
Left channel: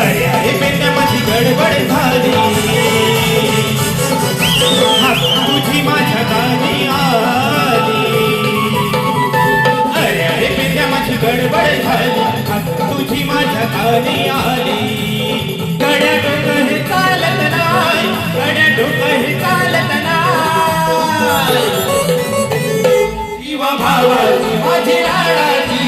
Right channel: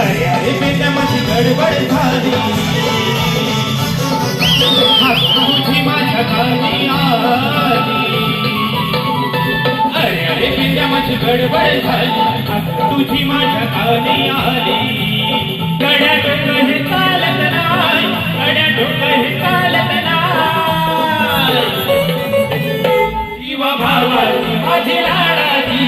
अरे अरे बेटा माझी गडबड झाली. तुझी माझ्या गावी आली. अरे अरे बेटा माझी गडबड झाली. तुझी माझ्या गावी आली. गड्या डोकं हे चालत नाही. गड्या डोकं हे चालत नाही. जीवा भावाची माझी लाडाची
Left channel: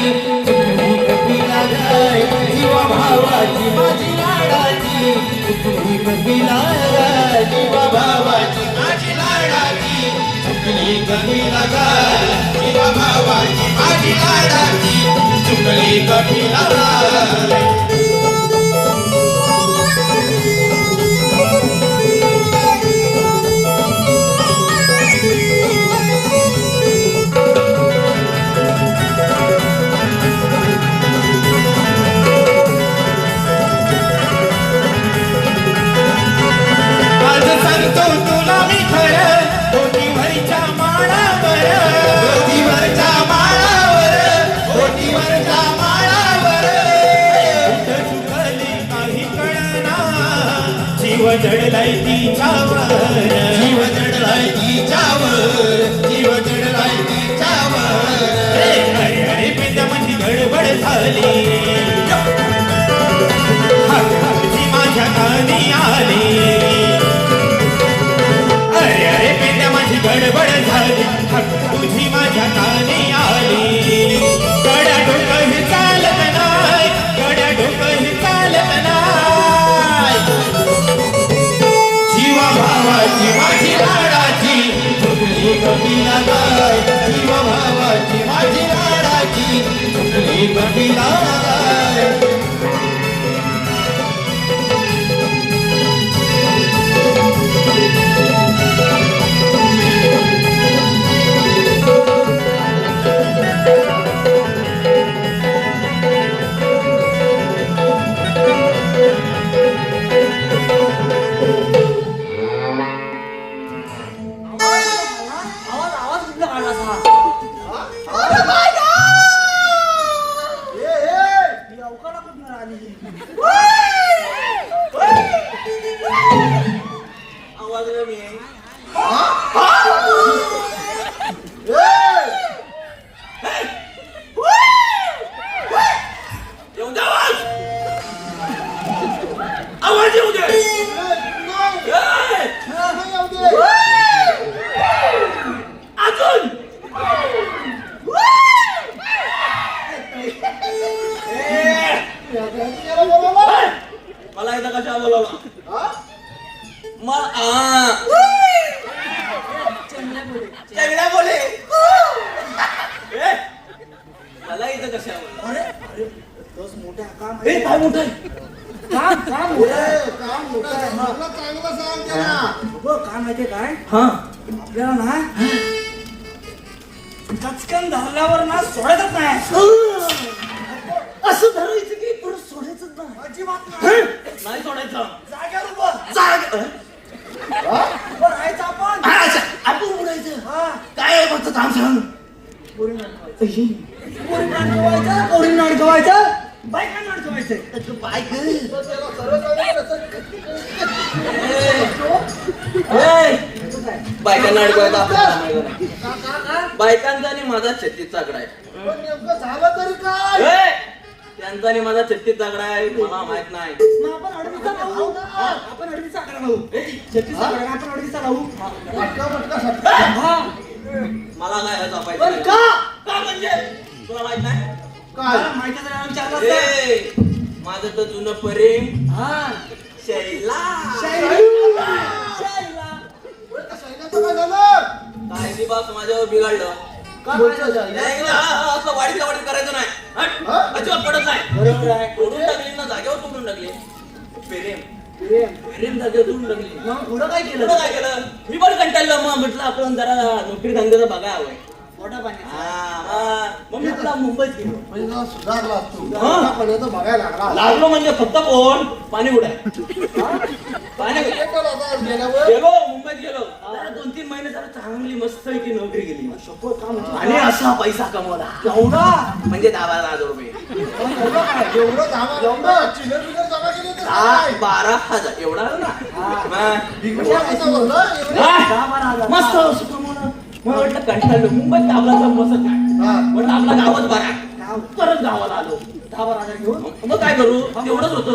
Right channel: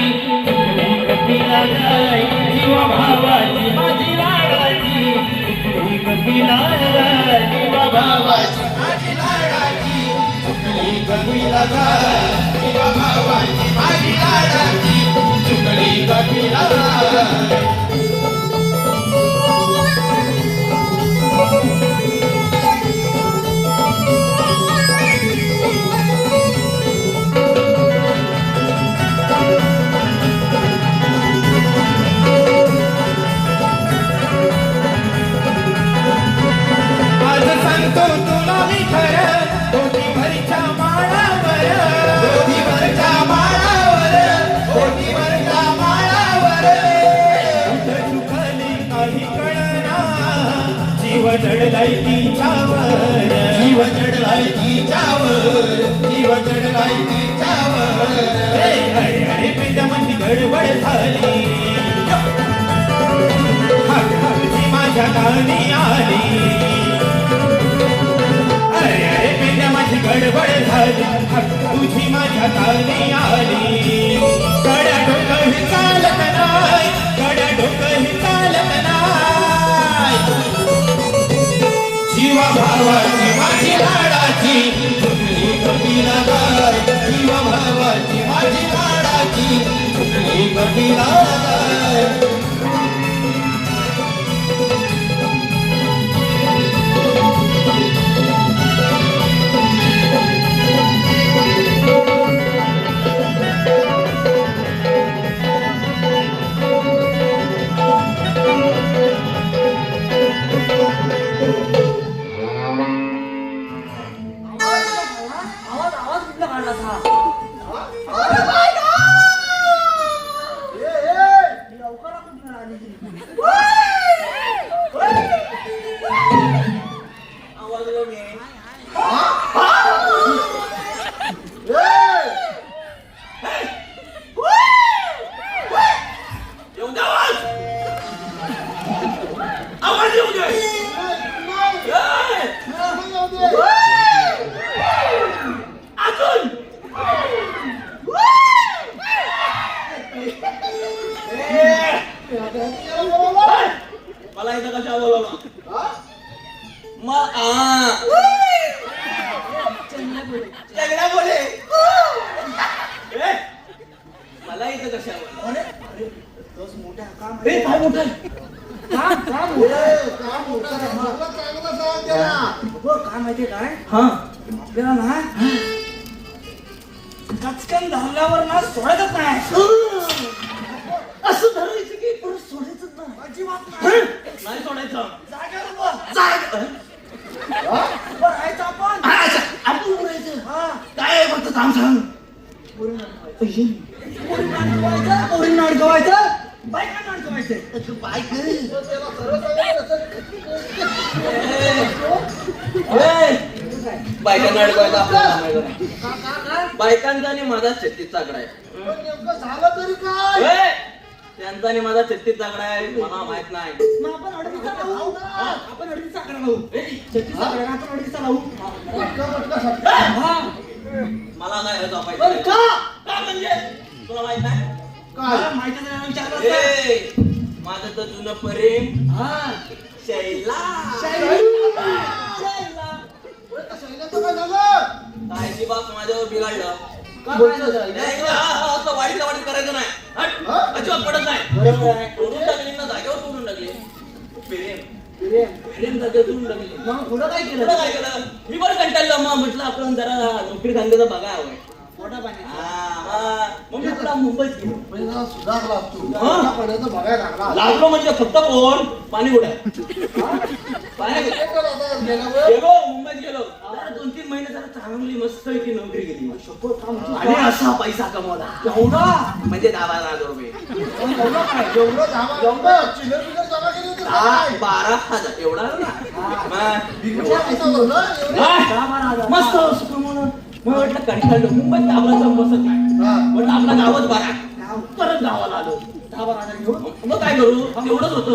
तुझी कपिला गाय. जीवा भावाची माझी लाडाची तुझी कपिला गाय. जीवा भावाची माझी लाडाची तुझी कपिला गाय. जीवा भावाची माझी लाडाची तुझी कपिला गाय. झुकली कपिला बाई जीवा भावाची माझी लाडाची झुकली कपिला बाई आवाज कुठला काढला असा? ही लवकर कुठून आली? आवाज येऊ नये. आवाज येऊ दे अजून मला इथं कशा बोलवलं चंगड्या बोले मला इथं कशा अरे अरे बस मोठा काम काय म्हणतोय काय माहितीये काय हा आपल्याला ना कचकन धरल्यावर ना सोडायचंच नाही असं धरायचं की परत सोडायचं नाही अजिबात नाही. नाही सोडायचं जागेवर उभं. जाग उभं राहायचं आपण. आपण बोलायचं हा. काय फक्त काम सांग पोरींना अडकवायचं, पोरींना अडकवायचं, बायकांना अडकवायचं. बायकांना अडकवायचा बायकांचा आणि माझा 36 चाकडा आहे झालं तरी काय ए, त्यांचा आणि माझा 36 चाकडा आहे तुम्हाला माहित नाही मग आपण अडवीचा लावू. आपण अडवीचा आकडा लावू. 36 आकडा आपण अडवीचा लावू. हा. मला नाही पण जपायचं का? का म्हणजे तुला माहित नाही माहिती जरा विचारलं असतं. ए, माझं तर जुनं प्रेम हा. शैला शैला. काय झालं काय ती बाप माझ्यावर बिघडलं ऐकलं? असं वाढीचं वाढीत करायचं नाही हट. अजिबात पडत नाही तोडून टाकली ना जागेवर तोडून टाकली प्रेम जागेवर तोडून टाकली मग पुढं काय केलं? पुढं काय केलं मी पण कंटाळलो मग म्हटलं आपण जरा नोकरी धंद्याचा बघायला हवाय मोठा पाणी. मग मी पुन्हा मुंबईत गेलो म्हणजे जरा सुधारला असतो पाण्याचं बघायला लागला लागलो म्हणजे फक्त कोण पाणी उड्या पाणी गेलो मुंबईत गेलो जरा 2-3 महिने जरा चांगली मस्त की नोकरी केली आणि असा पैसा कमवला एवढा? म्हणजे 10,000 रुपये एवढं चिल्लर बिल्लर जमा केली होती काय? 12,000 एवढा मस्त सुख म्हणून मग म्हटलं कंटाळलो मुंबईत गावाला बसत नाही म्हटलं आपला गावात बरा तरच गावाला आलो 10,000 घेऊन मग काय करू एवढंच होतं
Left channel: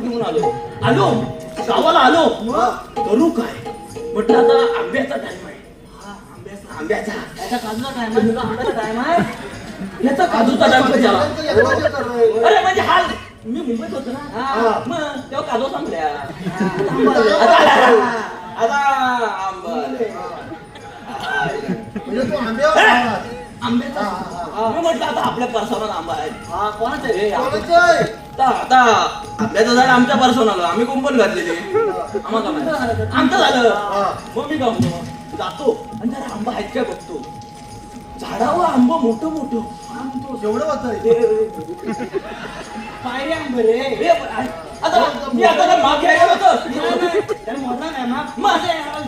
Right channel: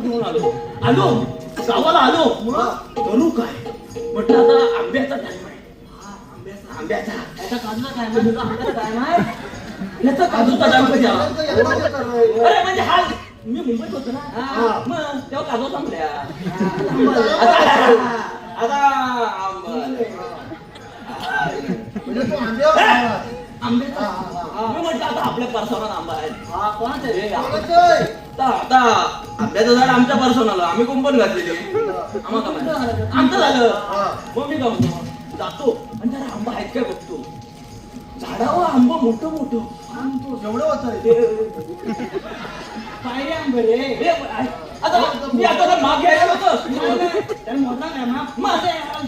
घेऊन आलो गावाला आलो करू काय म्हटलं आता आंब्याचा टाइम आहे आंब्याचा त्याचा काजूला काय माहिती? तुझा आंब्याचा काय माहिती? याचा काजूचा टाइम कधी आला? एवढं ते करणं. अरे म्हणजे हा मी मुंबईत होतो ना मग तेव्हा काजू सांगल्या आता आंबा म्हणजे तू आंब्यावर आला. आंब्याचा मी म्हटलं आता आपल्या परसावर आंबा आहे हा, कोणाचा रे? कोणाचं आहे? आता आंब्याचं झाड आमच्या पर्सन आलं आम्ही कुंपण घातलेली आमचं झालं मग मी गमतो जातो आणि जरा आंबा आहेत काय बघतो झाडावर आंबा मोठं मोठं एवढं होतं पायरी आंबे रे. हे, आता मी आता जर मागे यायला होतं त्याला मारला काय मग? माझे हा,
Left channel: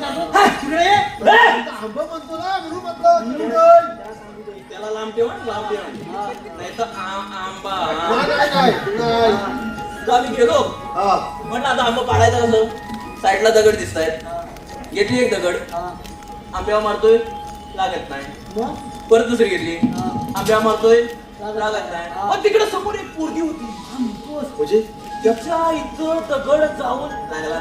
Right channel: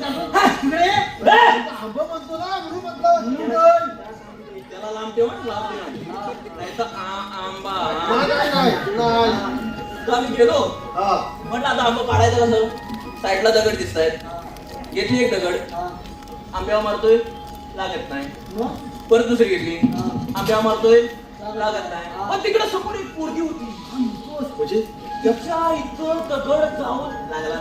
तिकडे ये. आंबा बोलतो ना म्हणून म्हटलं त्याला लांब ठेव लांब ठेव नाही तर आंबा नाही तर मी गेलो हा म्हटलं आता आंबा पाडायचा कसं साईडला दगड दिसत आहेत घेतली एक दगड आंब्यावर मारतोय लागत नाही मग? परत दुसरी घेतली आंब्यावर मारतोय लागत नाही पण तिकडे समोर एक पोरगी होती म्हणजे त्याच्या इथं दगड जाऊन लागला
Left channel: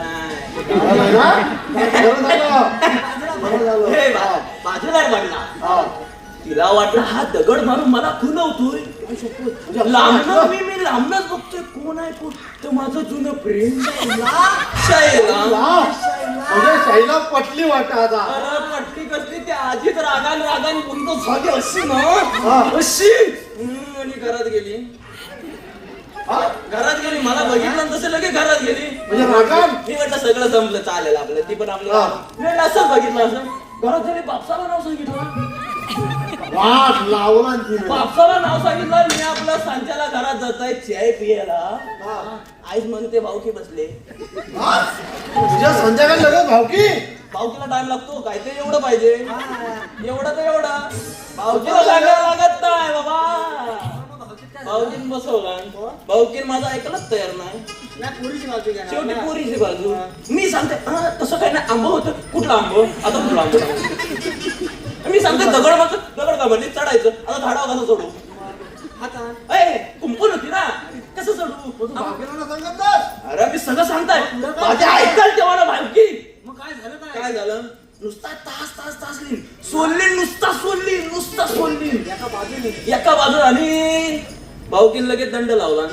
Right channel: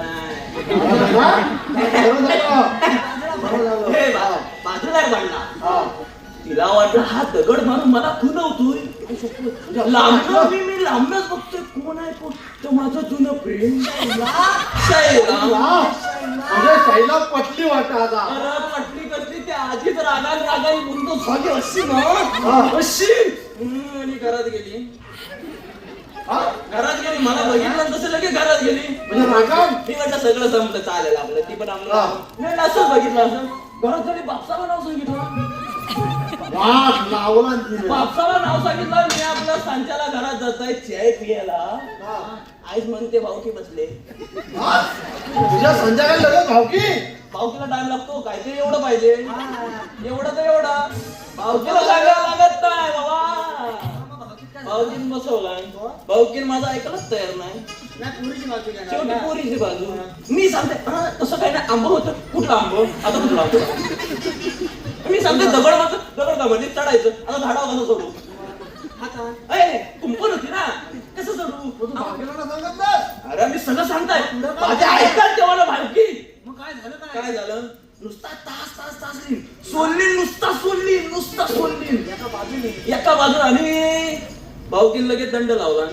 नाही बाजूदार बांधला तिला वाटलं हा दगड मारून मला खुणवतोय लांबनं मी लांबनच बघतोय कोण आहे कोण तर माझं जुनं प्रेम म्हणजे शैला पटली वाटत आता परत वाटते आगामी बंद झाली अशी ना अशी आणि घरात गेली. घरात गेली मला बघितलं तसं लगेच घरात गेली. म्हणजे मागं? मी म्हटलं सगळं संपलं चालेल आपलं ती पण आपलं मी असं बघितलं असं घरात गेली बापसाला नाव सांगितलं. वाट लावला तिने. बापसाला नाव सांगितलं मी आपल्या सांच्याला घरात जात आहे चाय पियाला. आईच म्हणते भाऊकी बसले. तुझ्या संध्याकाळी लगेच भावकी. भाऊकीला टाइम लागतो काय ते एवढं पाहिजे एवढं तर एवढा भाऊकीला लागायला लागत नाही बाबा. भाऊकीन बसवलं भाऊकीन माझं ऐकलंच तयार नाही. शेवटी पुरीची बाजू मी सांगते तसं काय नाही आंबो होतं कुठला आंबो आता कुठला आंबो मी सांगते दगड का म्हणजे चढायचं आता झाडावर कसं चढू कुंपण होती ना कसं चढू सांगत बस. अरे मी सगळं सांगताय माझ्या ऐकाल तेव्हा भालकी. मग काय झालं नुसता तास सोडली नुसता सोडली एका बाजूला आणि भाऊकीन लगेच दंड लावला.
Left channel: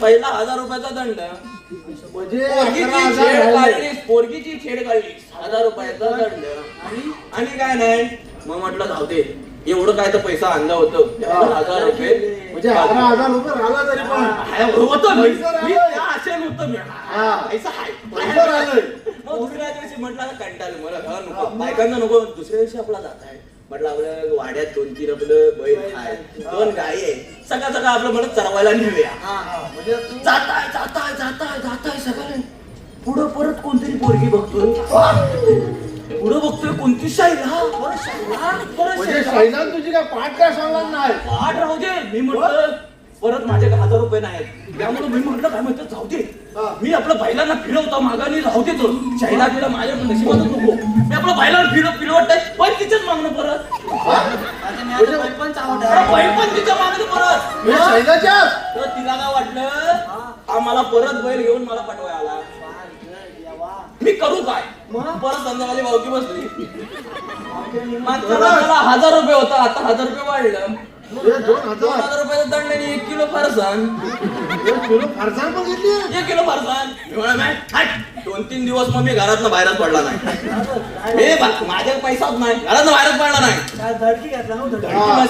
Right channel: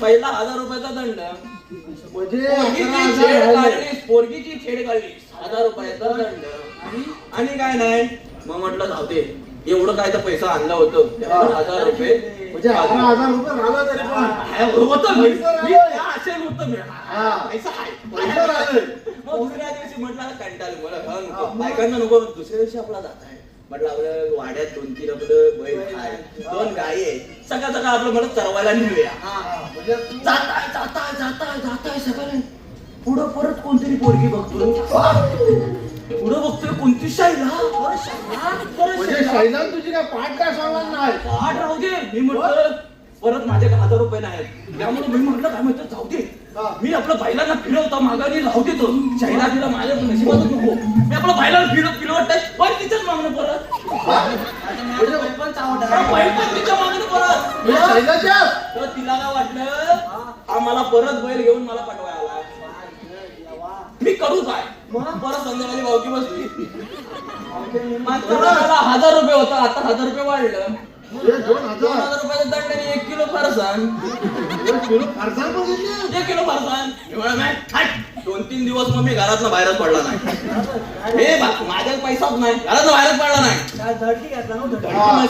पहिला 1000 रुपयाचा दंड पोरगीची छेड काढली 1000 रुपयाचा दंड आणि काय नाही मग म्हटलं जाऊ दे एवढं काय तर पैसा आणला होतं 1000 रुपये म्हणजे 11,000 रुपये राहिला तरी पण होतं मी असे नव्हतं मी पैसा पैसा राहिले. मग दुसऱ्या दिवशी म्हटलं कंटाळलं मला नको बायकांना नको दुसऱ्या दिवशी आपला जात आहे म्हटलं आपल्या वाड्यात 2-3 आपलं बैल आहे 2 गाई आहे सगळं आपलं म्हणत चरवायला नेऊया. जाताय सगळे पुढं परत कोणतरी पोरगी बघतो पुढं बघतोय कोणती शाईला म्हणजे शैलान तुझी काय पाठ काय सांगणार नाही. आठ राहू दे मी म्हटलं परत माझ्याकडे 1000 रुपये नाही त्यामुळे मी म्हटलं काय म्हणतो जाऊ दे मी आपलं बैलांना फिरवतो मागाने राहू देतो शाईला फिरव माझ्या नशिबातच नको मी आपलं बैलांना फिरवत पण तिच्याच मागणं परत पण तिच्या मागणं परत म्हणजे शैलाच्या तर तिला काय वाटलं आम्हाला परत बैल घेऊन मला पाठवायला आला. मी करू काय म्हणून परत संध्याकाळी भावकी बसली. मागच्या वेळेला 1000 रुपये होता आता 1000 रुपये वाढलं 2000 रुपयाचा दंड आणि 1 किलो फरसाण 1 किलो फरसाण पण घेतली. 1 किलो फरसाण 2-3 दिवस मग मी घरातनं बाहेरच पडला नाही. माझ्याकडे पैसाच नाही घरातनं बाहेरच पडला नाही.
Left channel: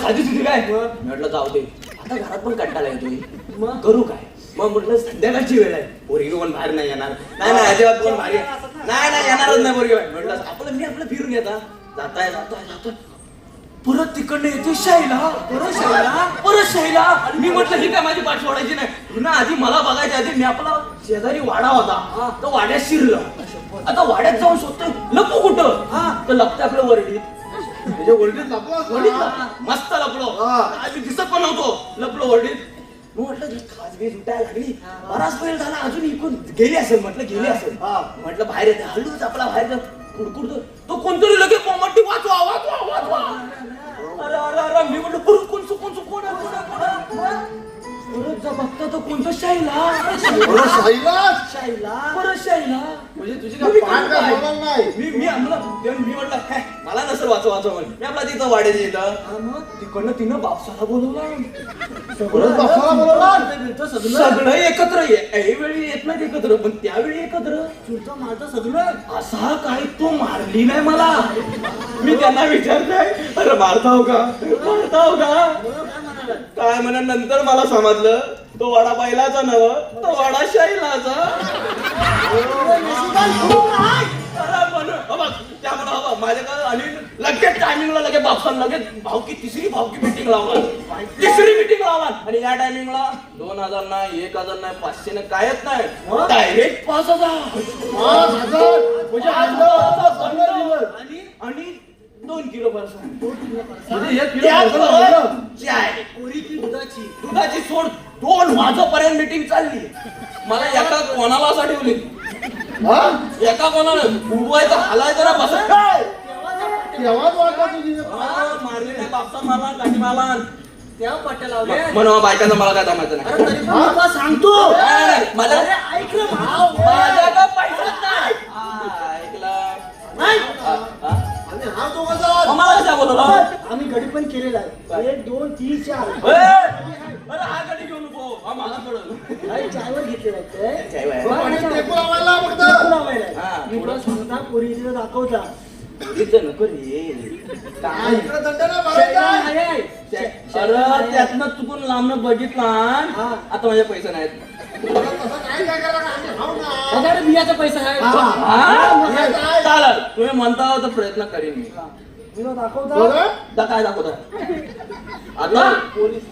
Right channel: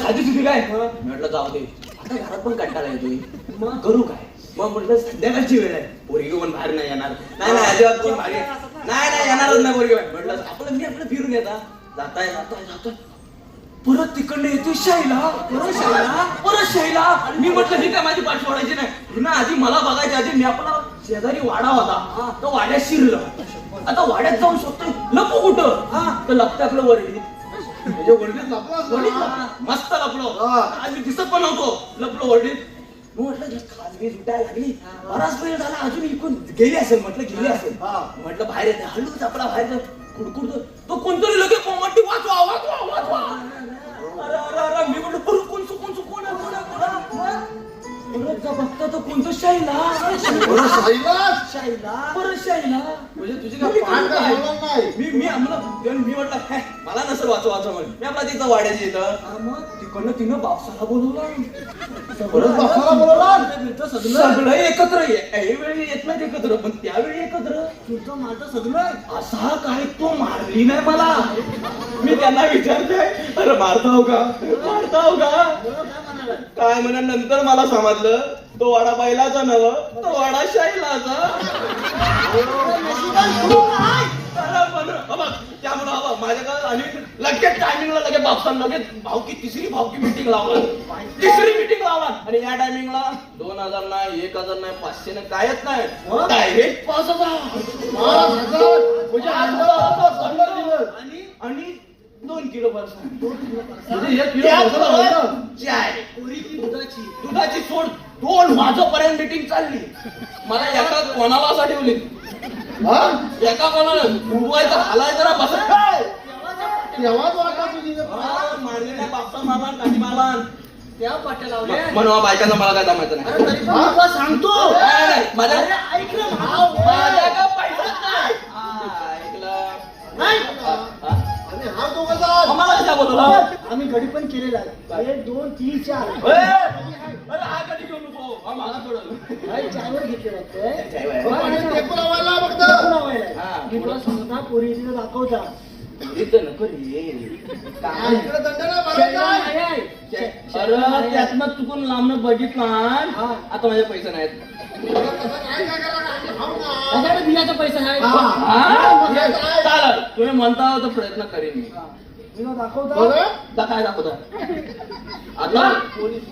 साधी सुधी काय म्हटलं जाऊ दे आता घरात पण कंटाळा येतोय मग करू काय मग म्हटलं संध्याकाळची वेळ आहे पोरगी पण बाहेर नाही येणार नाही अजिबात कोण बाहेर नाही येणारच नाही पोरगी म्हटलं आपलं मी आपलं फिरून घेता जाताय परत तिकडनं येते शाईला परत शाईला मी म्हटलं ही काय माझी पाठी सोडायची नाही ना आधी मला बघायच्या आधी मी आपला शेजारी वाडा होता तो वाड्यात शिरलं आता वाड्यात जाऊन शोधतोय लपू कुठं तर लपतं आपलं वरडीत वडीत लपला मस्त लपलो आम्ही दिसत पण होतो लपलो वरडीत म्हटलं खाजगी सुटायला लागली बराच वेळ झाला अजून इकडून गेली असेल म्हटलं बाहेर येते हळूच आपला बाहेर जाऊ कुडकुडतो तो कोणतरी लगेच पोंगटी वाचवा अरे मी म्हटलं कोण बघतो तो कोणतं शाईला म्हणजे तुझी काय पाठ काय सांगणार नाही. मी म्हटलं काय मला नसं वाचवा म्हणून मी आपला तिथं वाड्याचे येतं मग तिकडनं तिनं बापसाला बोलवलं सगळं एकत्र ऐवेळी येत नाही एकत्र पण त्यावेळी एकत्र माझा सगळं असा काय तो मारली नाही मला मी त्यांना विचारतोय अरे मारताव का काय म्हणा नंतर मला समजलं तो वाडा बैलाचा नव तो वाडा शाईलाचा माझ्याकडे आणि लगेच टायमिंगला लगेच बापसाला लगेच तिसरी भावकी मीटिंग लावला आणि या टायमिंगला 2000 नाही 1000 नाही 500 नाही कायच नाही डायरेक्ट 5000 आणि 2 किलो दुधाची सोड 2 वाजेपर्यंत मीटिंग चालली मला एका कोणाला साठी ठेवली एका कोणाला उडवायचं घालायचं ना बसत मारले नाही बापसा मारला काही मारला म्हणून बायकांना मला काय जमायचं नाही सांगतो माझ्याकडे पैसाच नाही आम्ही गडी पण केलेला आहे 1 2 3 4 हा कधी घेऊ नको हा माझा पडल चावल घेतले होते टेकू लावायला बघतो. मी तुला सांगता पोरी इथे दाखवता इथं नको रे. काय इकडे दंड नाही भरायचा. अरे त्यातनं चुकून लांबनं बघितला आता माझे पैसे नाहीत. काय काय करा आम्ही खाऊ ना. आता बियाचा पैसा आहे. हा. चालेल तुम्ही म्हणता तर प्रयत्न करीन मी. बघा. काय दाखवता आता पोलीस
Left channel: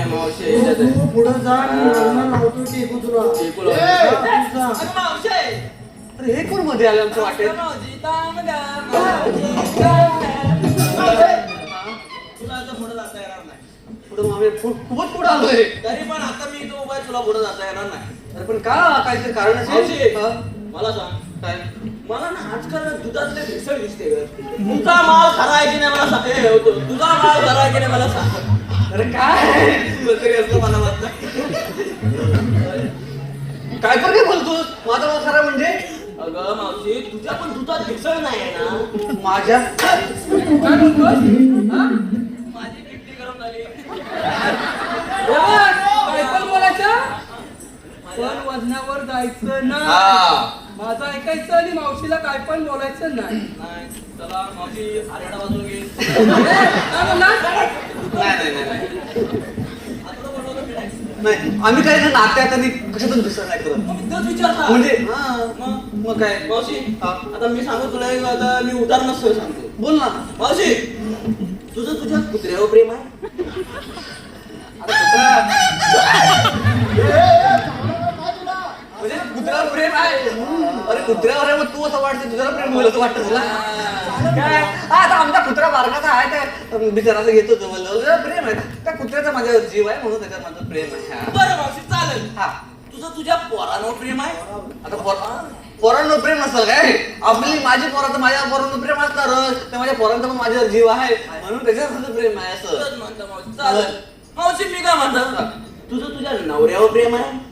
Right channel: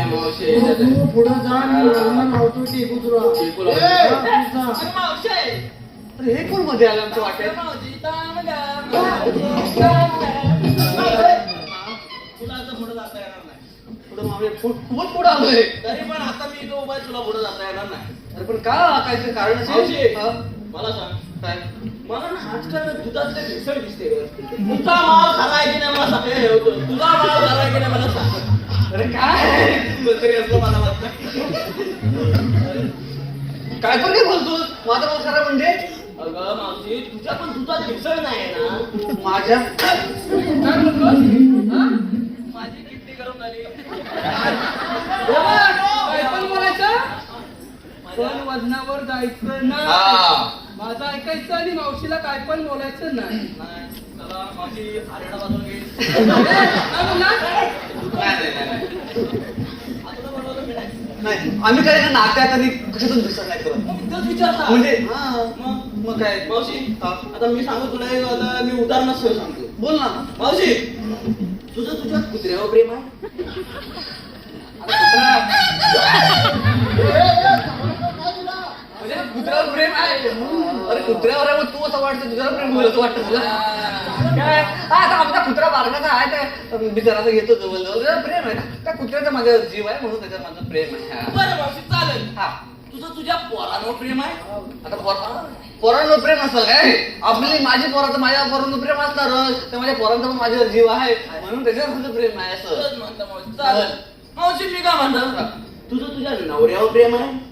पुढे जा मी लग्न लावतो ते कुत्रा. अरे हे कोण मध्ये आलं आमच्या वाटेत? पुढं मग आम्ही खूपच पुढे आलोय. तरी पण आता मी तो उभा तुला पुढे जाता येणार नाही. अरे पण का काहीतरी कारण मावशी, असेल? हा? मला सांग काय? मला ना आजकाल दुधातले भेसळ दिसते ग. तुझा माल खरा आहे की नाही मला सांग. तुझा माल खरा आहे की नाही मला सांग. अरे काय वगैरे असं मला वाटतं. काय पण काय बोलतो माझा माल खरा म्हणजे अगं मावशी तुझ्या पण दुधात भेसळ नाही आहे ना. माझ्या माझी किडनी गरम झाली. काय पण बोलायचं पण वजनावर जायचं नाही. हा. माझं ऐकायचं आणि मावशीला काय पण बोलायचं नाही. नाही चला माझी हरियाणा बाजूला घे. काय म्हणला? नाही आम्ही काय त्या नात्यात आणि कशातून दुसरं काय करत तेच विचारता. म्हणजे हा, मग काय मावशी आता मी सांगू तुला एक आता मी उदाहरणच सर सांगतो. बोल ना. मावशी तुझं तुझ्या कुत्र्यावर प्रेम आहे. म्हणजे कुत्र्यावर प्रेम आहे. अरे कुत्र्यावर तू असं वाटतं तुझ्यावर प्रेम होईल असं वाटतं तुला काय आता आमचा कुत्रा बारकाचा आहे त्या बिचाराचं घेतो तो म्हणजे प्रेम आहे ना त्या कुत्र्याचा माझा जीव आहे म्हणून त्याच्यात माझं प्रेम आहे. बरं मावशी चालेल. हा तुझं तुझ्या पोरावर प्रेम आहे. आता पोरांवर प्रेम असतं काय आपली माझी पोराचं माझ्या पोरांवर प्रेम असणार ते माझ्या पोरांचा पण माझ्यावर जीव आहे म्हणून त्याच्यावर तुझं प्रेम आहे असं. तुझंच म्हणतं मावशी. चालेल मावशी मी काय म्हणतो तुझं तुझ्या नवऱ्यावर प्रेम आहे.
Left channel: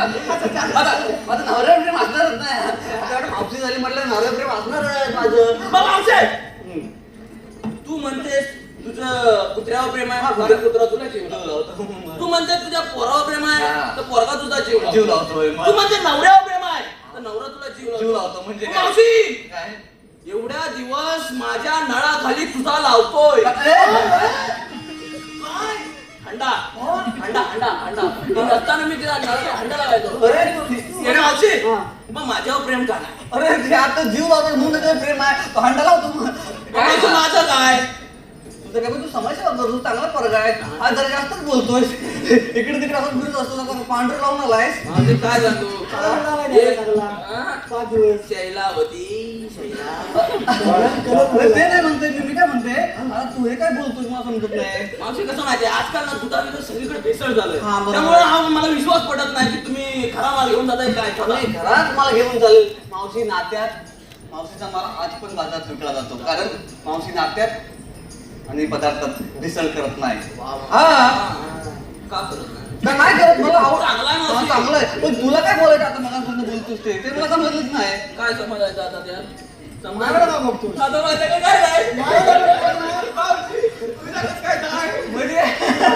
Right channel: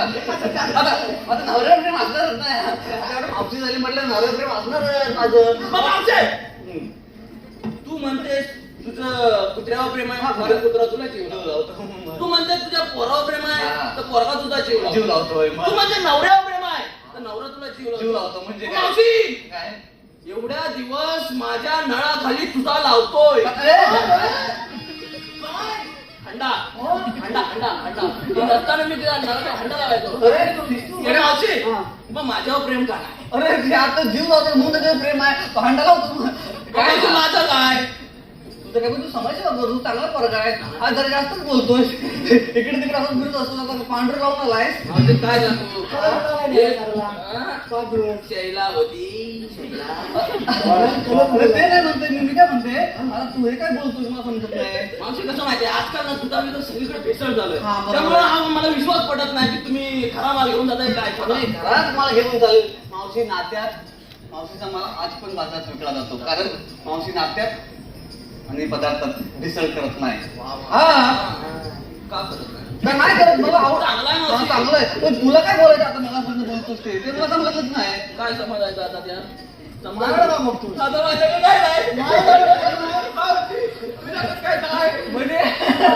आता नवऱ्यावर प्रेम असणारच नाही मावशी झाली म्हटलं नवऱ्यावर प्रेम असणार माझं. मग मावशी तू म्हणतेस तुझं कुत्र्यावर प्रेम आहे. कुत्रा तुला जीव लावतो तू म्हणते तुझ्या पोरावर प्रेम आहे हा. तर पोरगा तुझा जीव जीव लावतो. लावतोय तू म्हणते नवऱ्यावर प्रेम आहे तर नवरा तुला जीव जीव लावतो. लावतो म्हणजे काय? मावशी काय? एवढ्या दिवस माझ्या नळाखाली तुझा लावतोय. हंडा हंडा हंडा हंडा हे नसताना मी तिला नळाचा हंडा लावायचो. अरे मावशी मग माझ्यावर प्रेम का नाही? अरे ते आता जीव लावतो म्हणून त्याचं प्रेम आहे तो हंडा लावतो काय तू माझं काय तुझं काय तू समाजसेवा करतो चांगला फरक आहे आज जरा जास्तच बोलतोय इकडे तिकडे असं फिरत असतो ना पांढरं लावून आलायस. माझं काय जातो शैला होती शैला. अरे ते नाही म्हणते मी काय म्हणते आता तू हे काय बोलतोस मला समजत नाही. मावशी कसं माहिती आजकाल ना तुझा मी तर सगळीकडे भेसळ झालं. हा, बरोबर. त्यामुळे हा मला विश्वास पडत नाही की तुम्ही खरा माल घेऊन जाताय काय का नाही घरात मला घेऊन चालेल मावशी नात्यात मावशीचा मला आज पण बाजार विकला जातो कारण मावशी नात्यात आणि पदार्थात भेसळ करत नाही. हा का करत नाही? का नाही करत मला आवड चांगला आहे हा, मावशी. चांगलं आहे पण तुला काय बोलायचं आता मला पण बोलतोस ते मला समजलंच नाही. काय समजायचं आता त्या काय समजायचं बघा मग तू. समजायचं की काय नाही?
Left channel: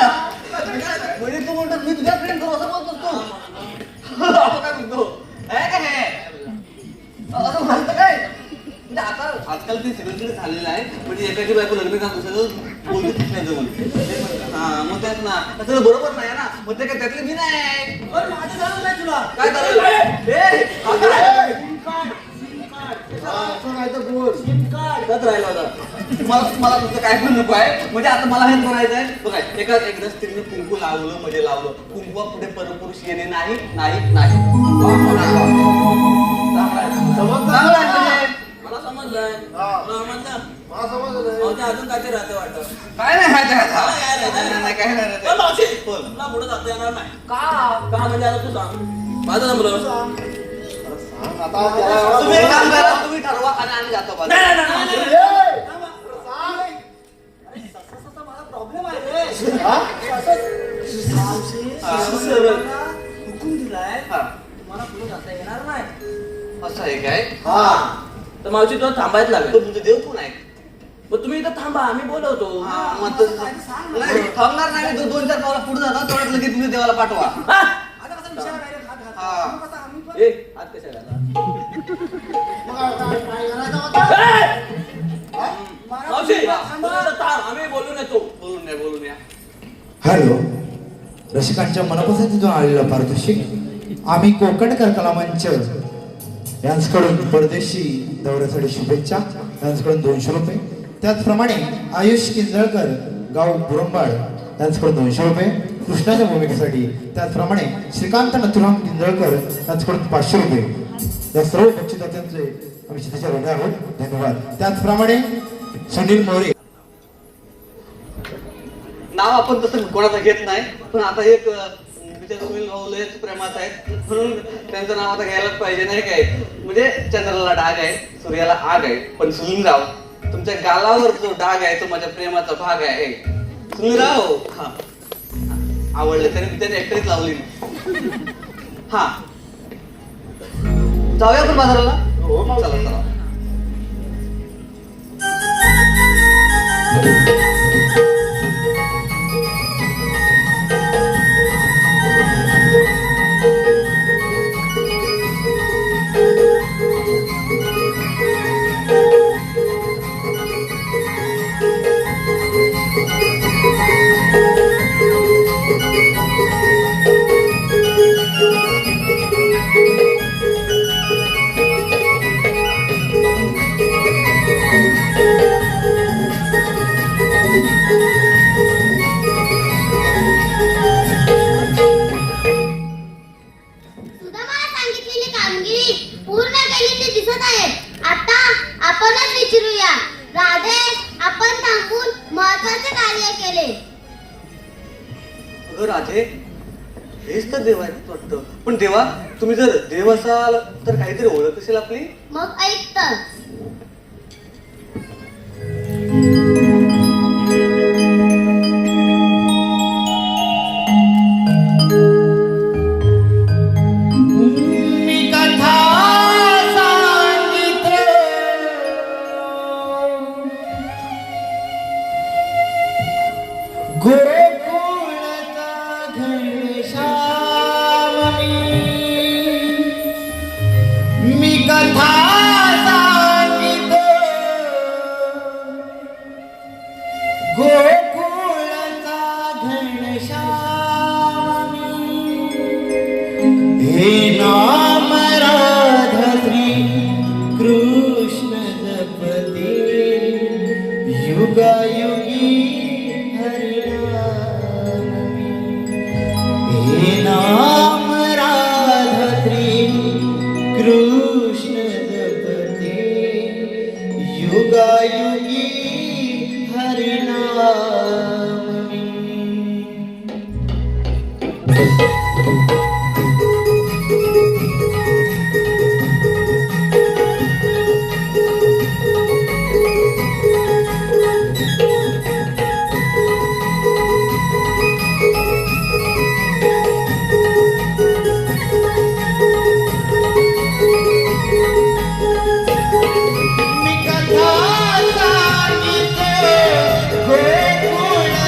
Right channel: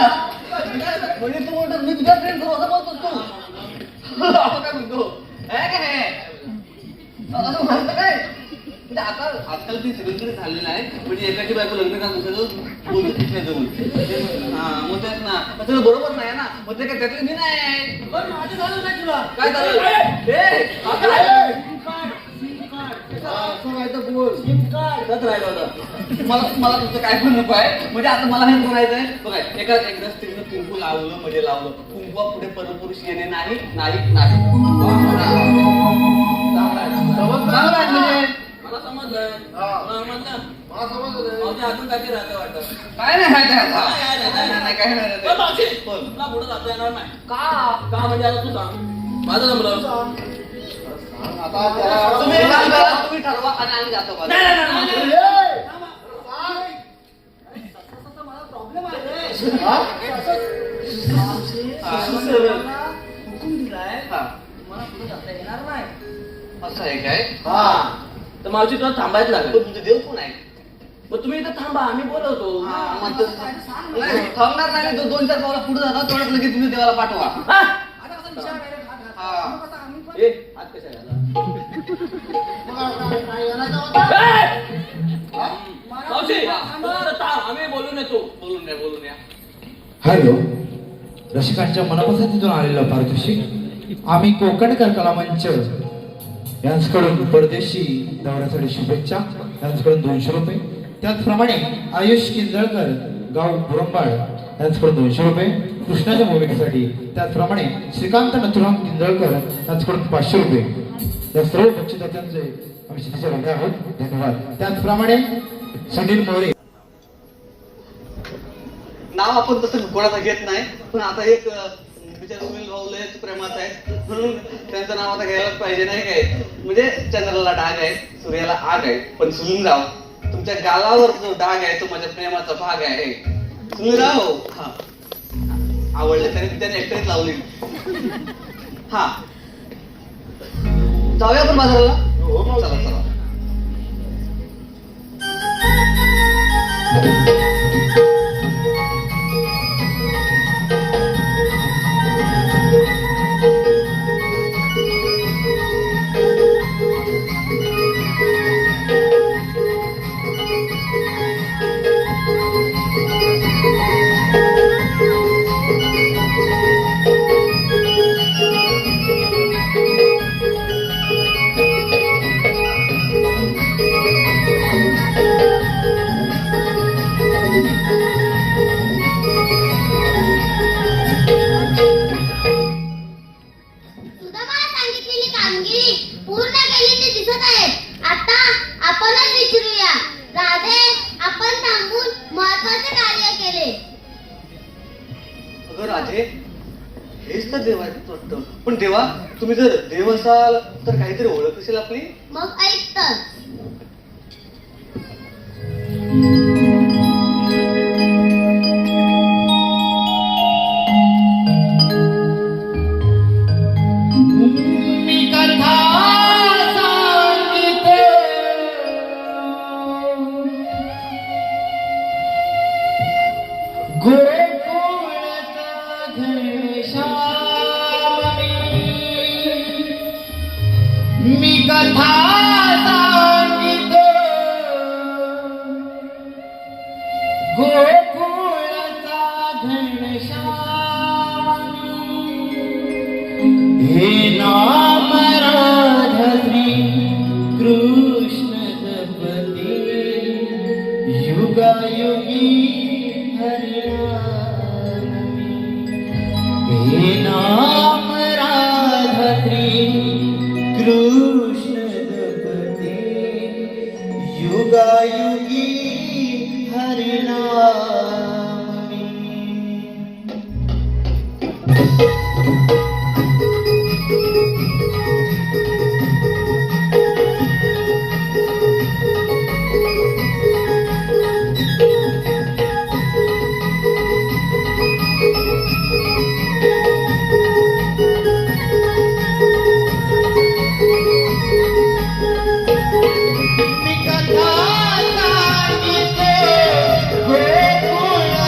म्हणजे तू म्हणतो मी तुझ्या प्रेम करू असं बोलतोस तू असं काय म्हणतो काय काय असं म्हणतो काय म्हणजे आता आजकाल ते सिरियसली झालेलं आहे म्हणजे एकाची बायको लग्न का दुसरं बोलतच नाही जरूर हा मग तेच ना त्याचं बरोबर नाही ना मग ते काय त्यातलं मी नाही. बरं, माझं झालं नाही तुला काय झालं असं काय तर बोल. काय राहिलं होतं मला तुमचं काय पण नको आहे. म्हणजे आता मला हे बोलायचंय बघा, एकदा स्त्रीने कुंकू लावलं म्हणजे लावलं, कुंकवा पुढे परपुरुष येणे नाही नाही नाही. चांगलं आहे म्हणजे. मला समजलंय. हा. मला समजलं. मला समजलं. मावशी अजून काहीतरी राहते वाटतं. काय नाही काय काय राहते? काय ए, मावशी, नाही कोण तुला पुढे जाता येणार नाही. का का म्हणजे आता तू सांग. माझं जमलं. आता त्याला- तुम्ही एक काम करा, तुम्ही ठरवा आणि आम्ही जातो बघा. नाही, नाही, नाही, नाही. ए, काय? प्रॉब्लेम आहे रे. हा? हुकूम दिलाय. हा, तुम्हाला पुढे जाता येणार नाही. असं आहे काय? हा. तर मावशी तुला थांबायच तो लागेल. तुमचे देव कोण आहे? मग तुम्ही इथं थांबा, आम्ही बोलवतो. मग तो- नाही, थांबणार नाही. तो 2-4 गावाला पुढे जाणार, तेवढ्यात लगेच तुम्ही देवाला पाठवा. हा? हा. ए, आत कशाला आला? मावशी, बरं, थांब, आम्ही बोलून येतो. बोलून या. हॅलो, रसिकांच्या मनापासून आलेला पारितोषिक आम्ही कोकणकर कला मंच यांच्याकडून परदेशी दौऱ्यासाठी शुभेच्छा, यांच्याकडून 200 रुपये. त्याचप्रमाणे आयुष किंजळकर गाव बुरंबाळ यांच्याकडून 200 रुपये कृष्णाच्या भूमिकेसाठी. त्याचप्रमाणे श्रीकांत नथुराम किंजळकर यांच्याकडून 500 रुपये. या सर्व बक्षिसांचे आम्ही शिस्तीच्या रडे आहोत. धन्यवाद. त्याचप्रमाणे सुनील मोरे. नाव आपण तसं कोणाचं घेत नाही, पण आता एक मुलीच्या तुम्ही लय प्रेमात आहे म्हणून त्यांचं नाव आता घ्यायलाच पाहिजे नाही काय. म्हणजे चंद्राला डाग आहे, सूर्याला आग आहे, पण सुनीलराव तुमच्या गालावर जो डाग आहे तो माझ्या प्रेमाचा भाग आहे. सुनीलराव हा आवडलं तरी मी त्याने एकटीच लावली. हा जाऊया आपण बाजाराला. हो, चला चला. सुदामाला सांगितलेली कामगिरी पूर्ण केली ते दिसत आहे. आता आपणच विचारूया, राधे आपण थांबून महत्वाचे कार्य केले. अगं राधे, हेच तर देव आहेत वाटतं. पण देवा, तुम्ही जर देव असाल तर काहीतरी ओळख असेल आपली. मग ऐक तर. मी कथा सांगिते गोकुळचा घनश्यामी. मी कथा सांगिते गोकुळचा घनश्यामी. हे नाम राधश्री कृष्ण जपते युगायुगी हरिनामी. हे नाम राधश्री कृष्ण जपते युगायुगी हरिनामी. मी कथा सांगिते गोकुळचा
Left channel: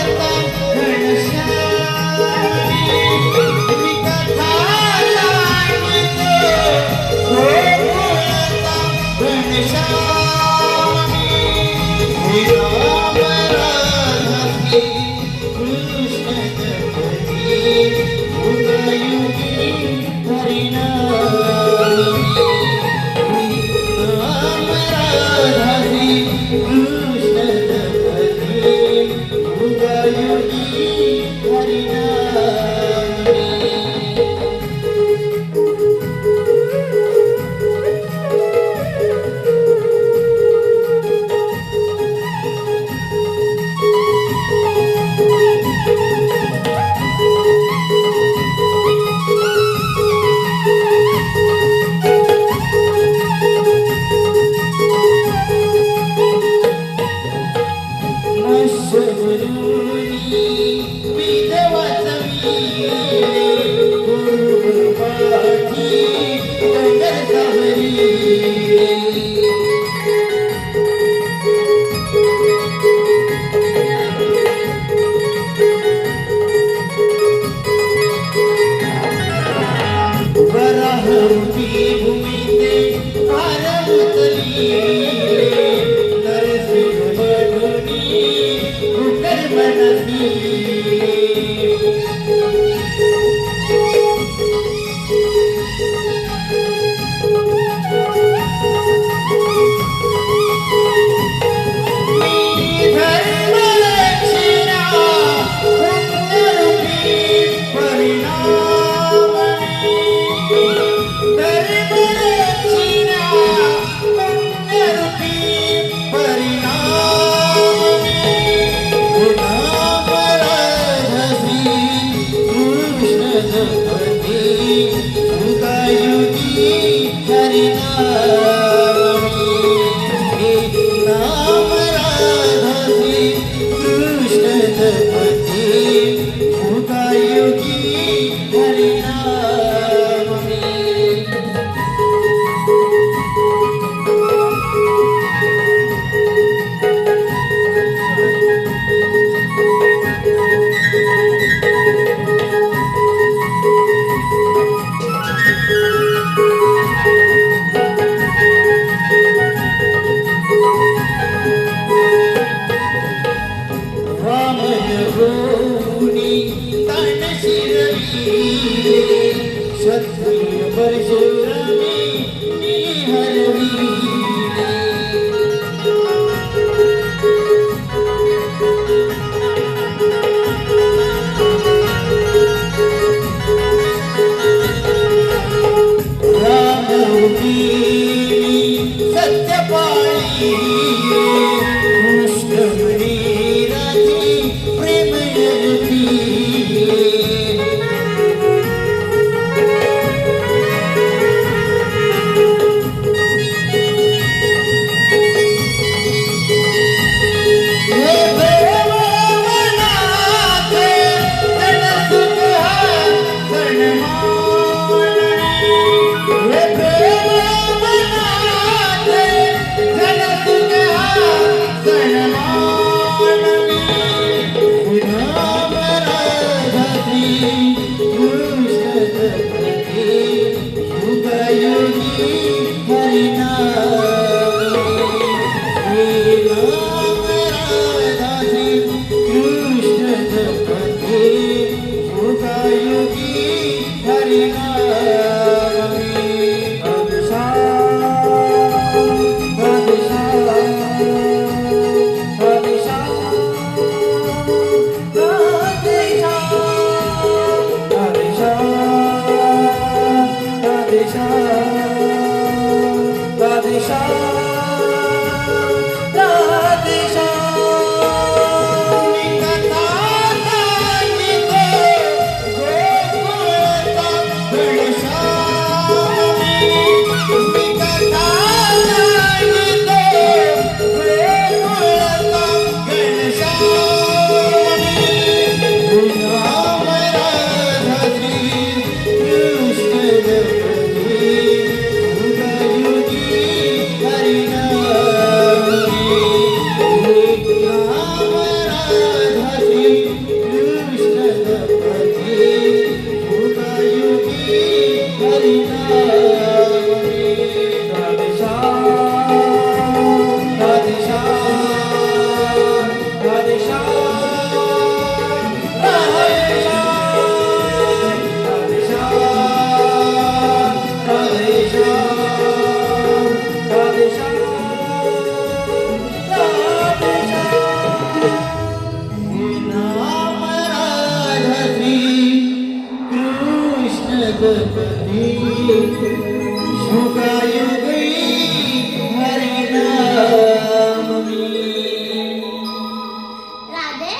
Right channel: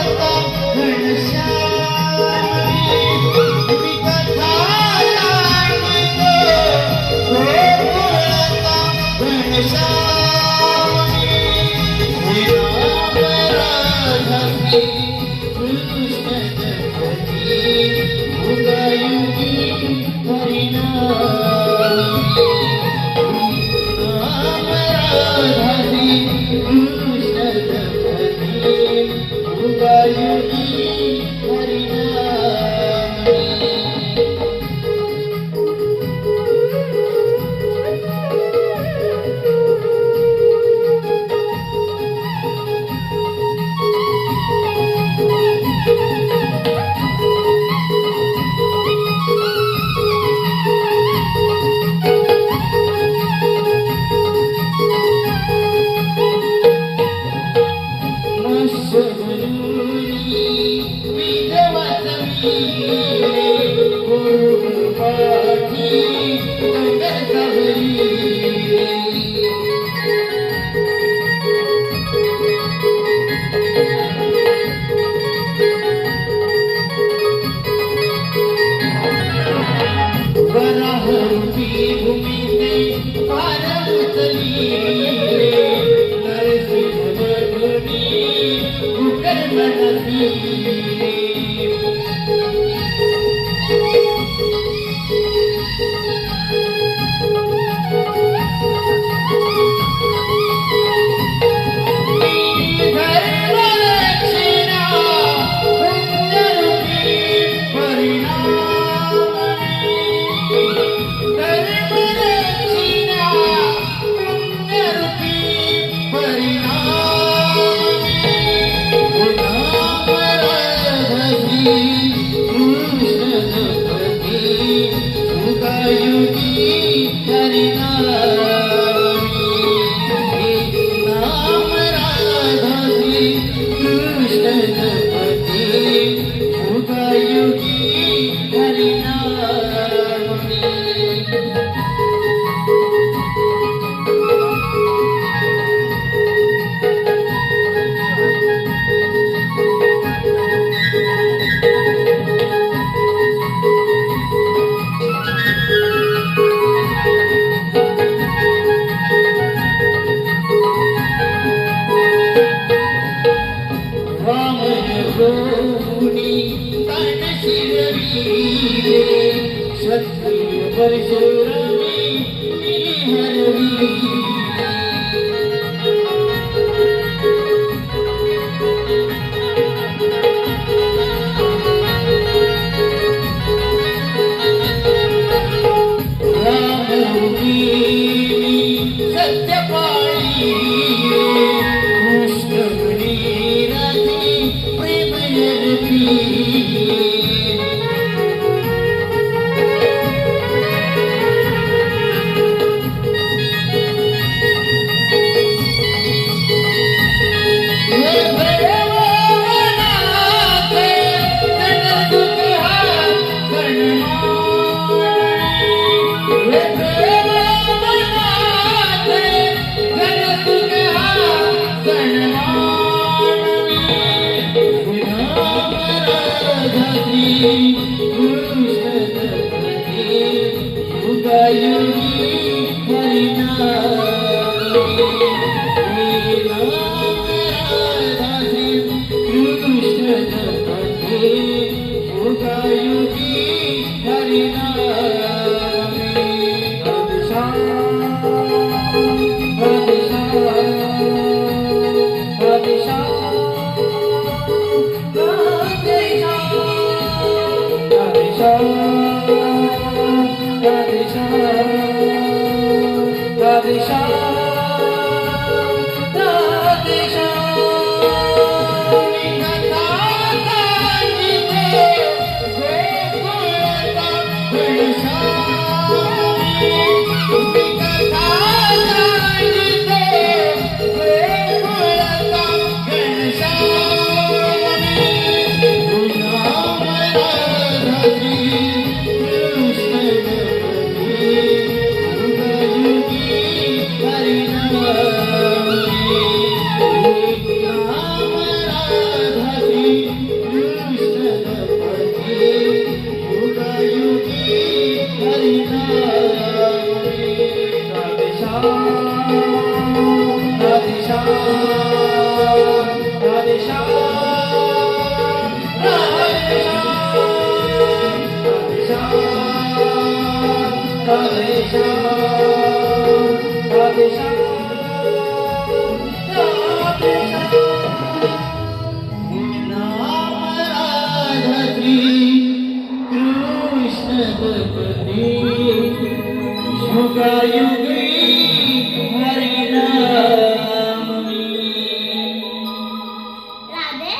राधे,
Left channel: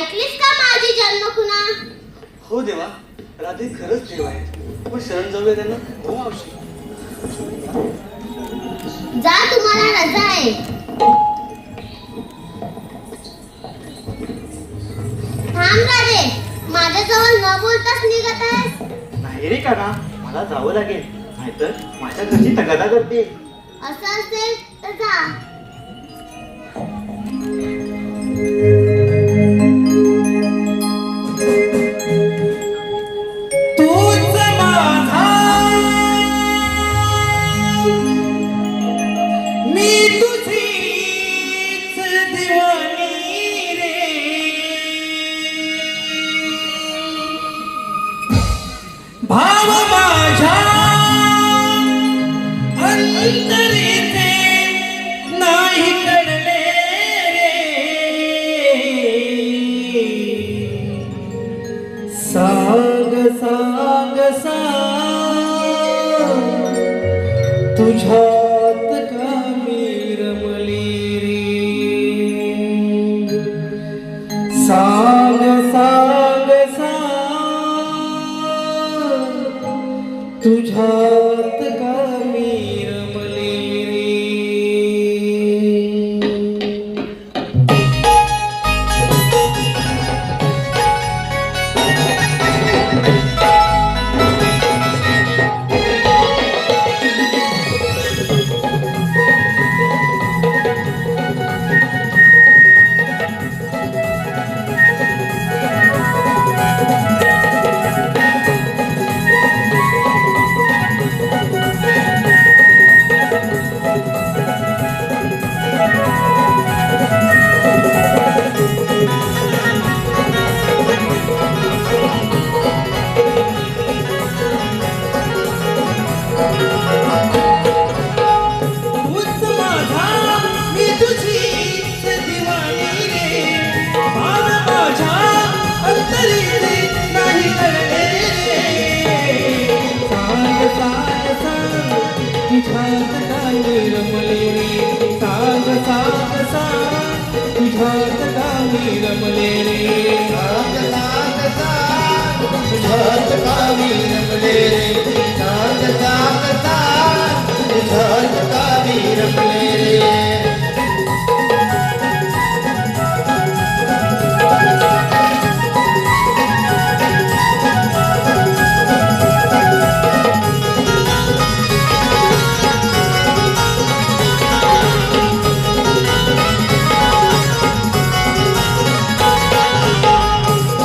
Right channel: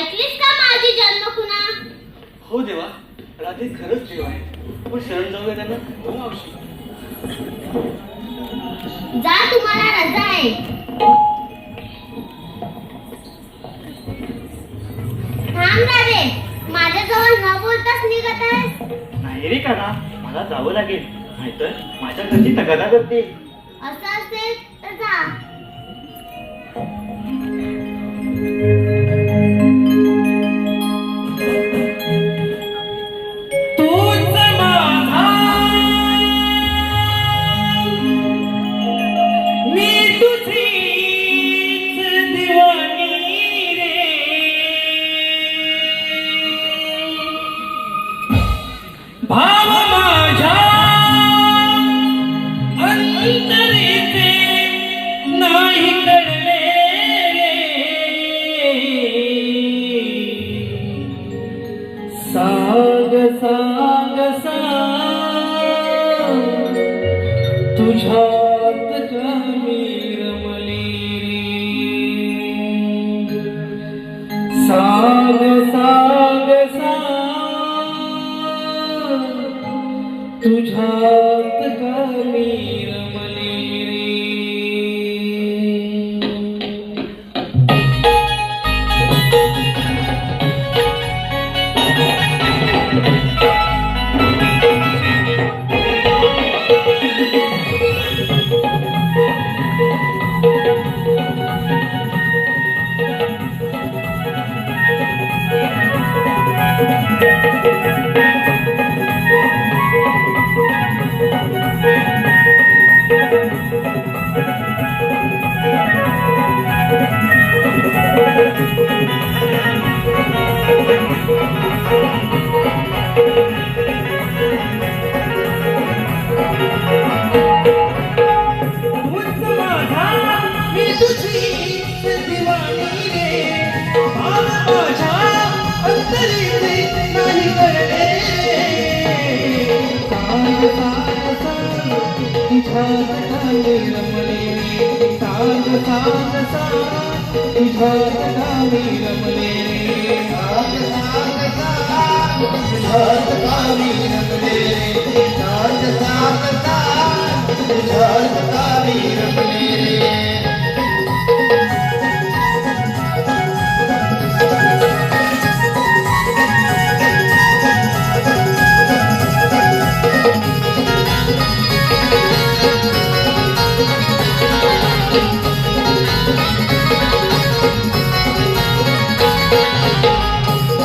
ऐकलीस का माझी जन्मखुणा? हो देवा, राधे खरंच देव आहेत. पण शरण जाऊया त्यांना. हो मावशी. जा, तुम्हाला रजा आहे. राधे, माझ्याजवळ न बोलताच निघत आहेस. नाही रे काका, मला जावं लागेल, नाहीतर माझ्या घरची तगादा करते. असं असेल तर जा. तूच माझा, मी तुझीच दिवाणी रे. भाव माझ्या अंतरेचे नाही कळले रे. सांग सांग सांग तुझ्यात का मी रमले रे. सांग सांग सांग तुझ्यात का मी रमले रे. मी तुझीच दिवाणी रे. भाव माझ्या अंतरीचे नाही कळले रे. सांग सांग सांग तुझ्यात का मी रमले रे. सांग सांग सांग तुझ्यात का मी रमले रे. सांग सांग सांग तुझ्यात का मी रमले रे. सांग सांग सांग तुझ्यात का मी रमले रे.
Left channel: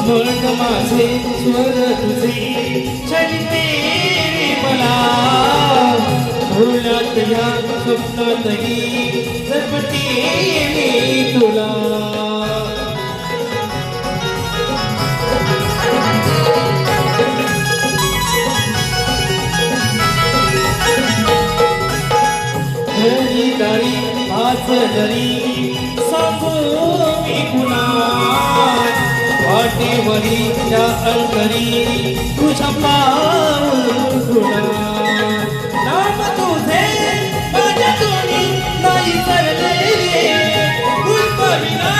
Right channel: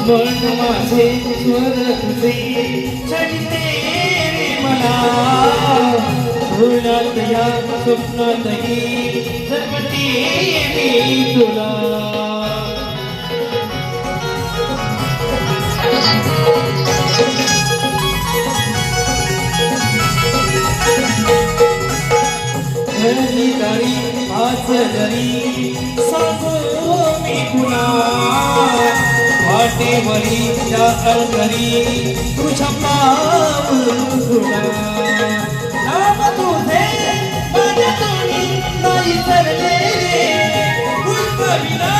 मन माझे स्वर तुझे चलिते मला. भुलत या स्वप्नातही जगते मी तुला. घरी घरी आज घरी सांगू मी तुला. वाटेवरी त्या घरी तुझ्या पाऊला. नाम तुझे माझ्या तोंडी नाही सरले रे. गुलपरीला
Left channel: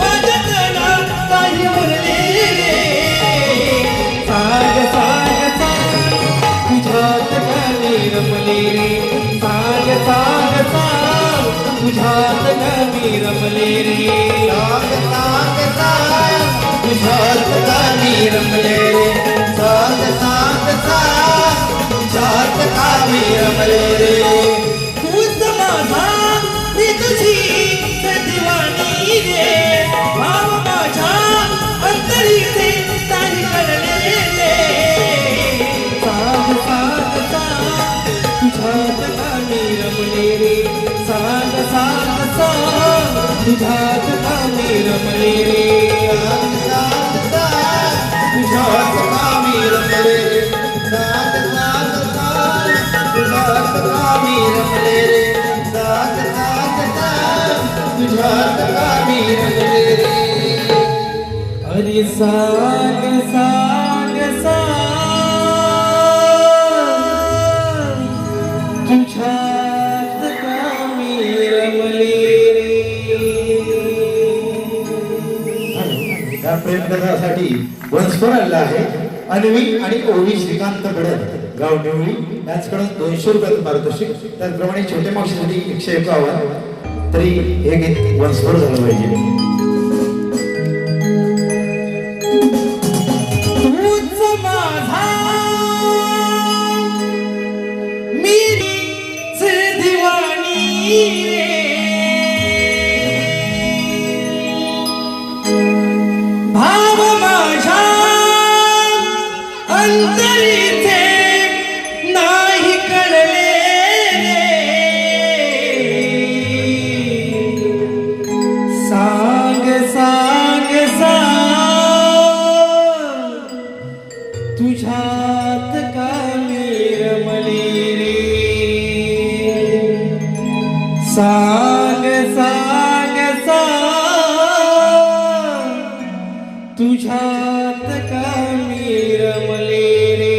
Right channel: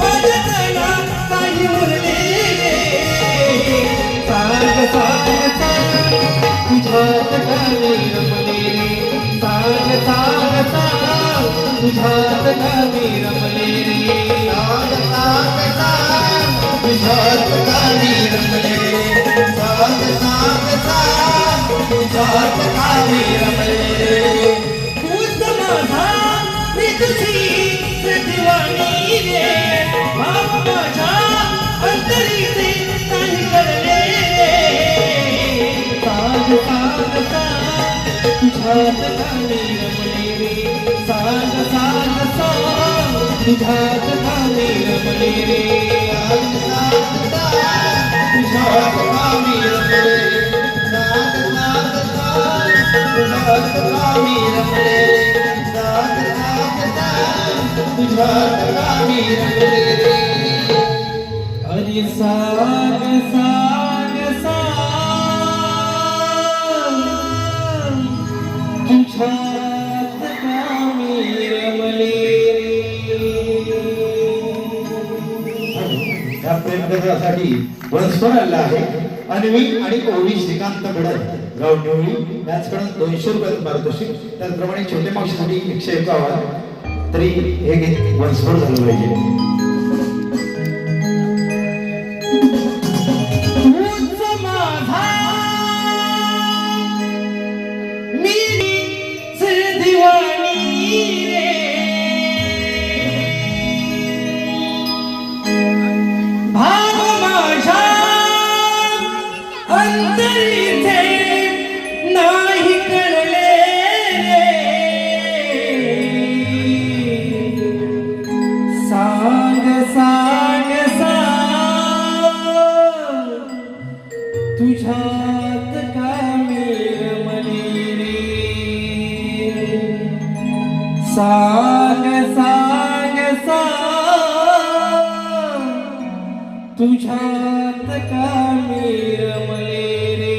माझ्या कानात नाही उरले रे. सांग सांग सांग तुझ्यात का मी रमले रे. सांग सांग सांग तुझ्यात का मी रमले रे. सांग सांग सांग तुझ्यात का मी रमले रे. सांग सांग सांग तुझ्यात का मी रमले रे. तूच माझा, मी तुझीच दिवाणी रे. भाव माझ्या अंतरीचे नाही कळले रे. सांग सांग सांग तुझ्यात का मी रमले रे. सांग सांग सांग तुझ्यात का मी रमले रे. सांग सांग सांग तुझ्यात का मी रमले रे. सांग सांग सांग तुझ्यात का मी रमले रे. सांग सांग सांग तुझ्यात का मी रमले रे. अरे सांग सांग सांग तुझ्यात का मी रमले रे. या प्रेम कथासाठी पुरस्कार आला आहे. अन्वी आणि ओवी श्रीकांत गडद गाव निवळी याचकडून 200 रुपये पारितोषिक. त्याचप्रमाणे छोट्या मावशीसाठी 151. तरी हे गीत वंशस्फोट झालं पाहिजे. अंतरीचे नाही कळले रे. सांग सांग सांग तुझ्यात का मी रमले रे. सांग सांग सांग तुझ्यात का मी रमले रे.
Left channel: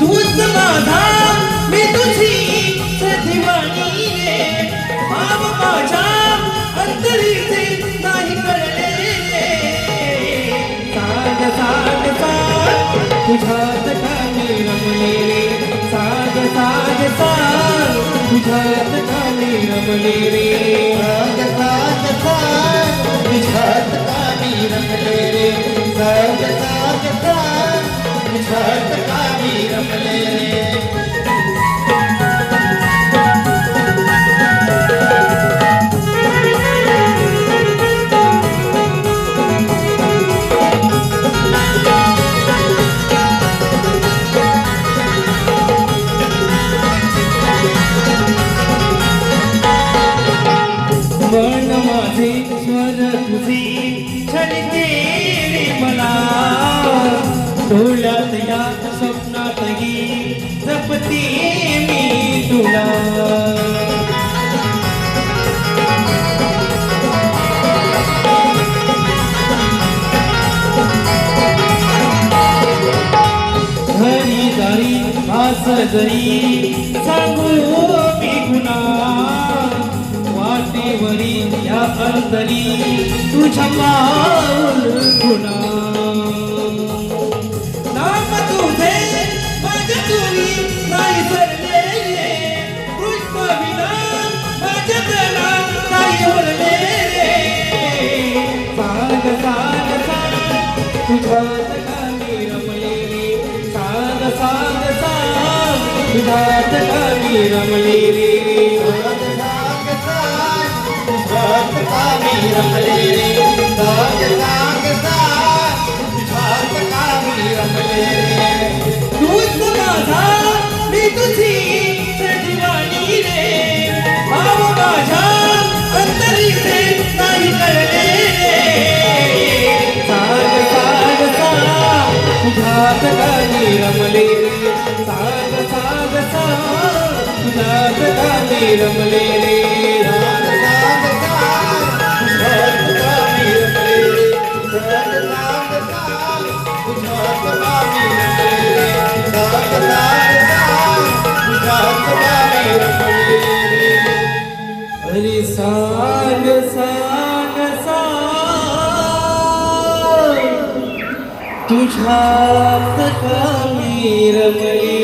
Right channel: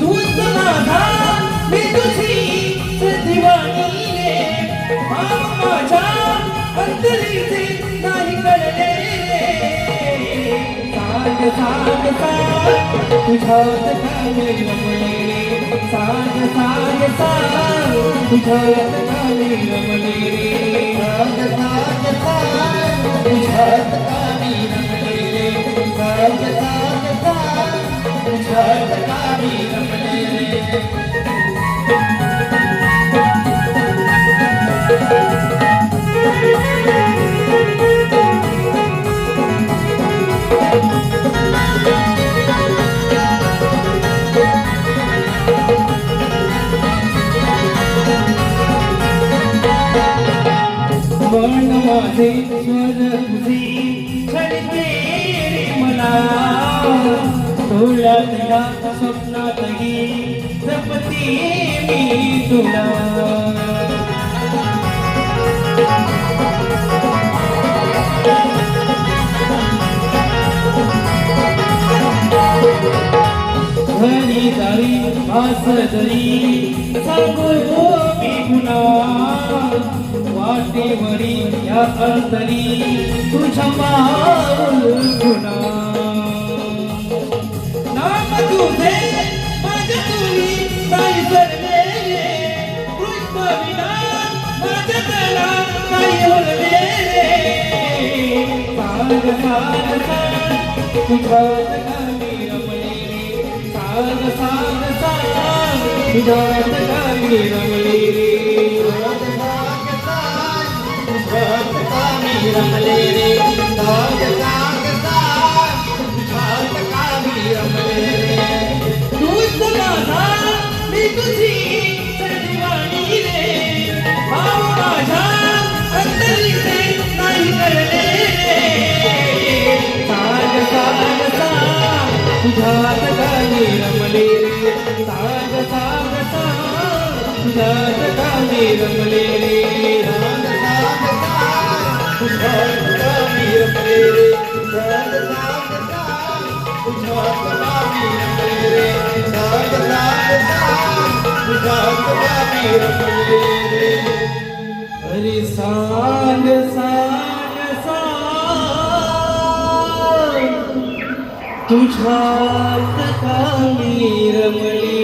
तूच माझा मी तुझी दिवाणी रे. भाव माझ्या अंतरीचे नाही कळले रे. सांग सांग सांग तुझ्यात का मी रमले रे. सांग सांग सांग तुझ्यात का मी रमले रे. सांग सांग सांग तुझ्यात का मी रमले रे. सांग सांग सांग तुझ्यात का मी रमले रे. मन माझे स्वर तुझी छळते रे मना. डोळ्यात या स्वप्नातही जपते मी तुला. घरी दारी आस जरी सांगू मी गुन्हा. वाटेवरी या अंतरी तुझ्या पाऊल गुन्हा. नाम तुझे माझ्या तुरी नाही सरले रे. पुष्पविना माझ्या प्राणात नाही ओरले रे. सांग सांग सांग तुझ्यात का मी रमले रे. सांग सांग सांग तुझ्यात का मी रमले रे. तुझ्यात का मी रमले रे. सांग सांग सांग तुझ्यात का मी रमले रे. तूच माझा मी तुझी दिवाणी रे. भाव माझ्या अंतरीचे नाही कळले रे. सांग सांग सांग तुझ्यात का मी रमले रे. सांग सांग सांग तुझ्यात का मी रमले रे. अरे सांग सांग सांग तुझ्यात का मी रमले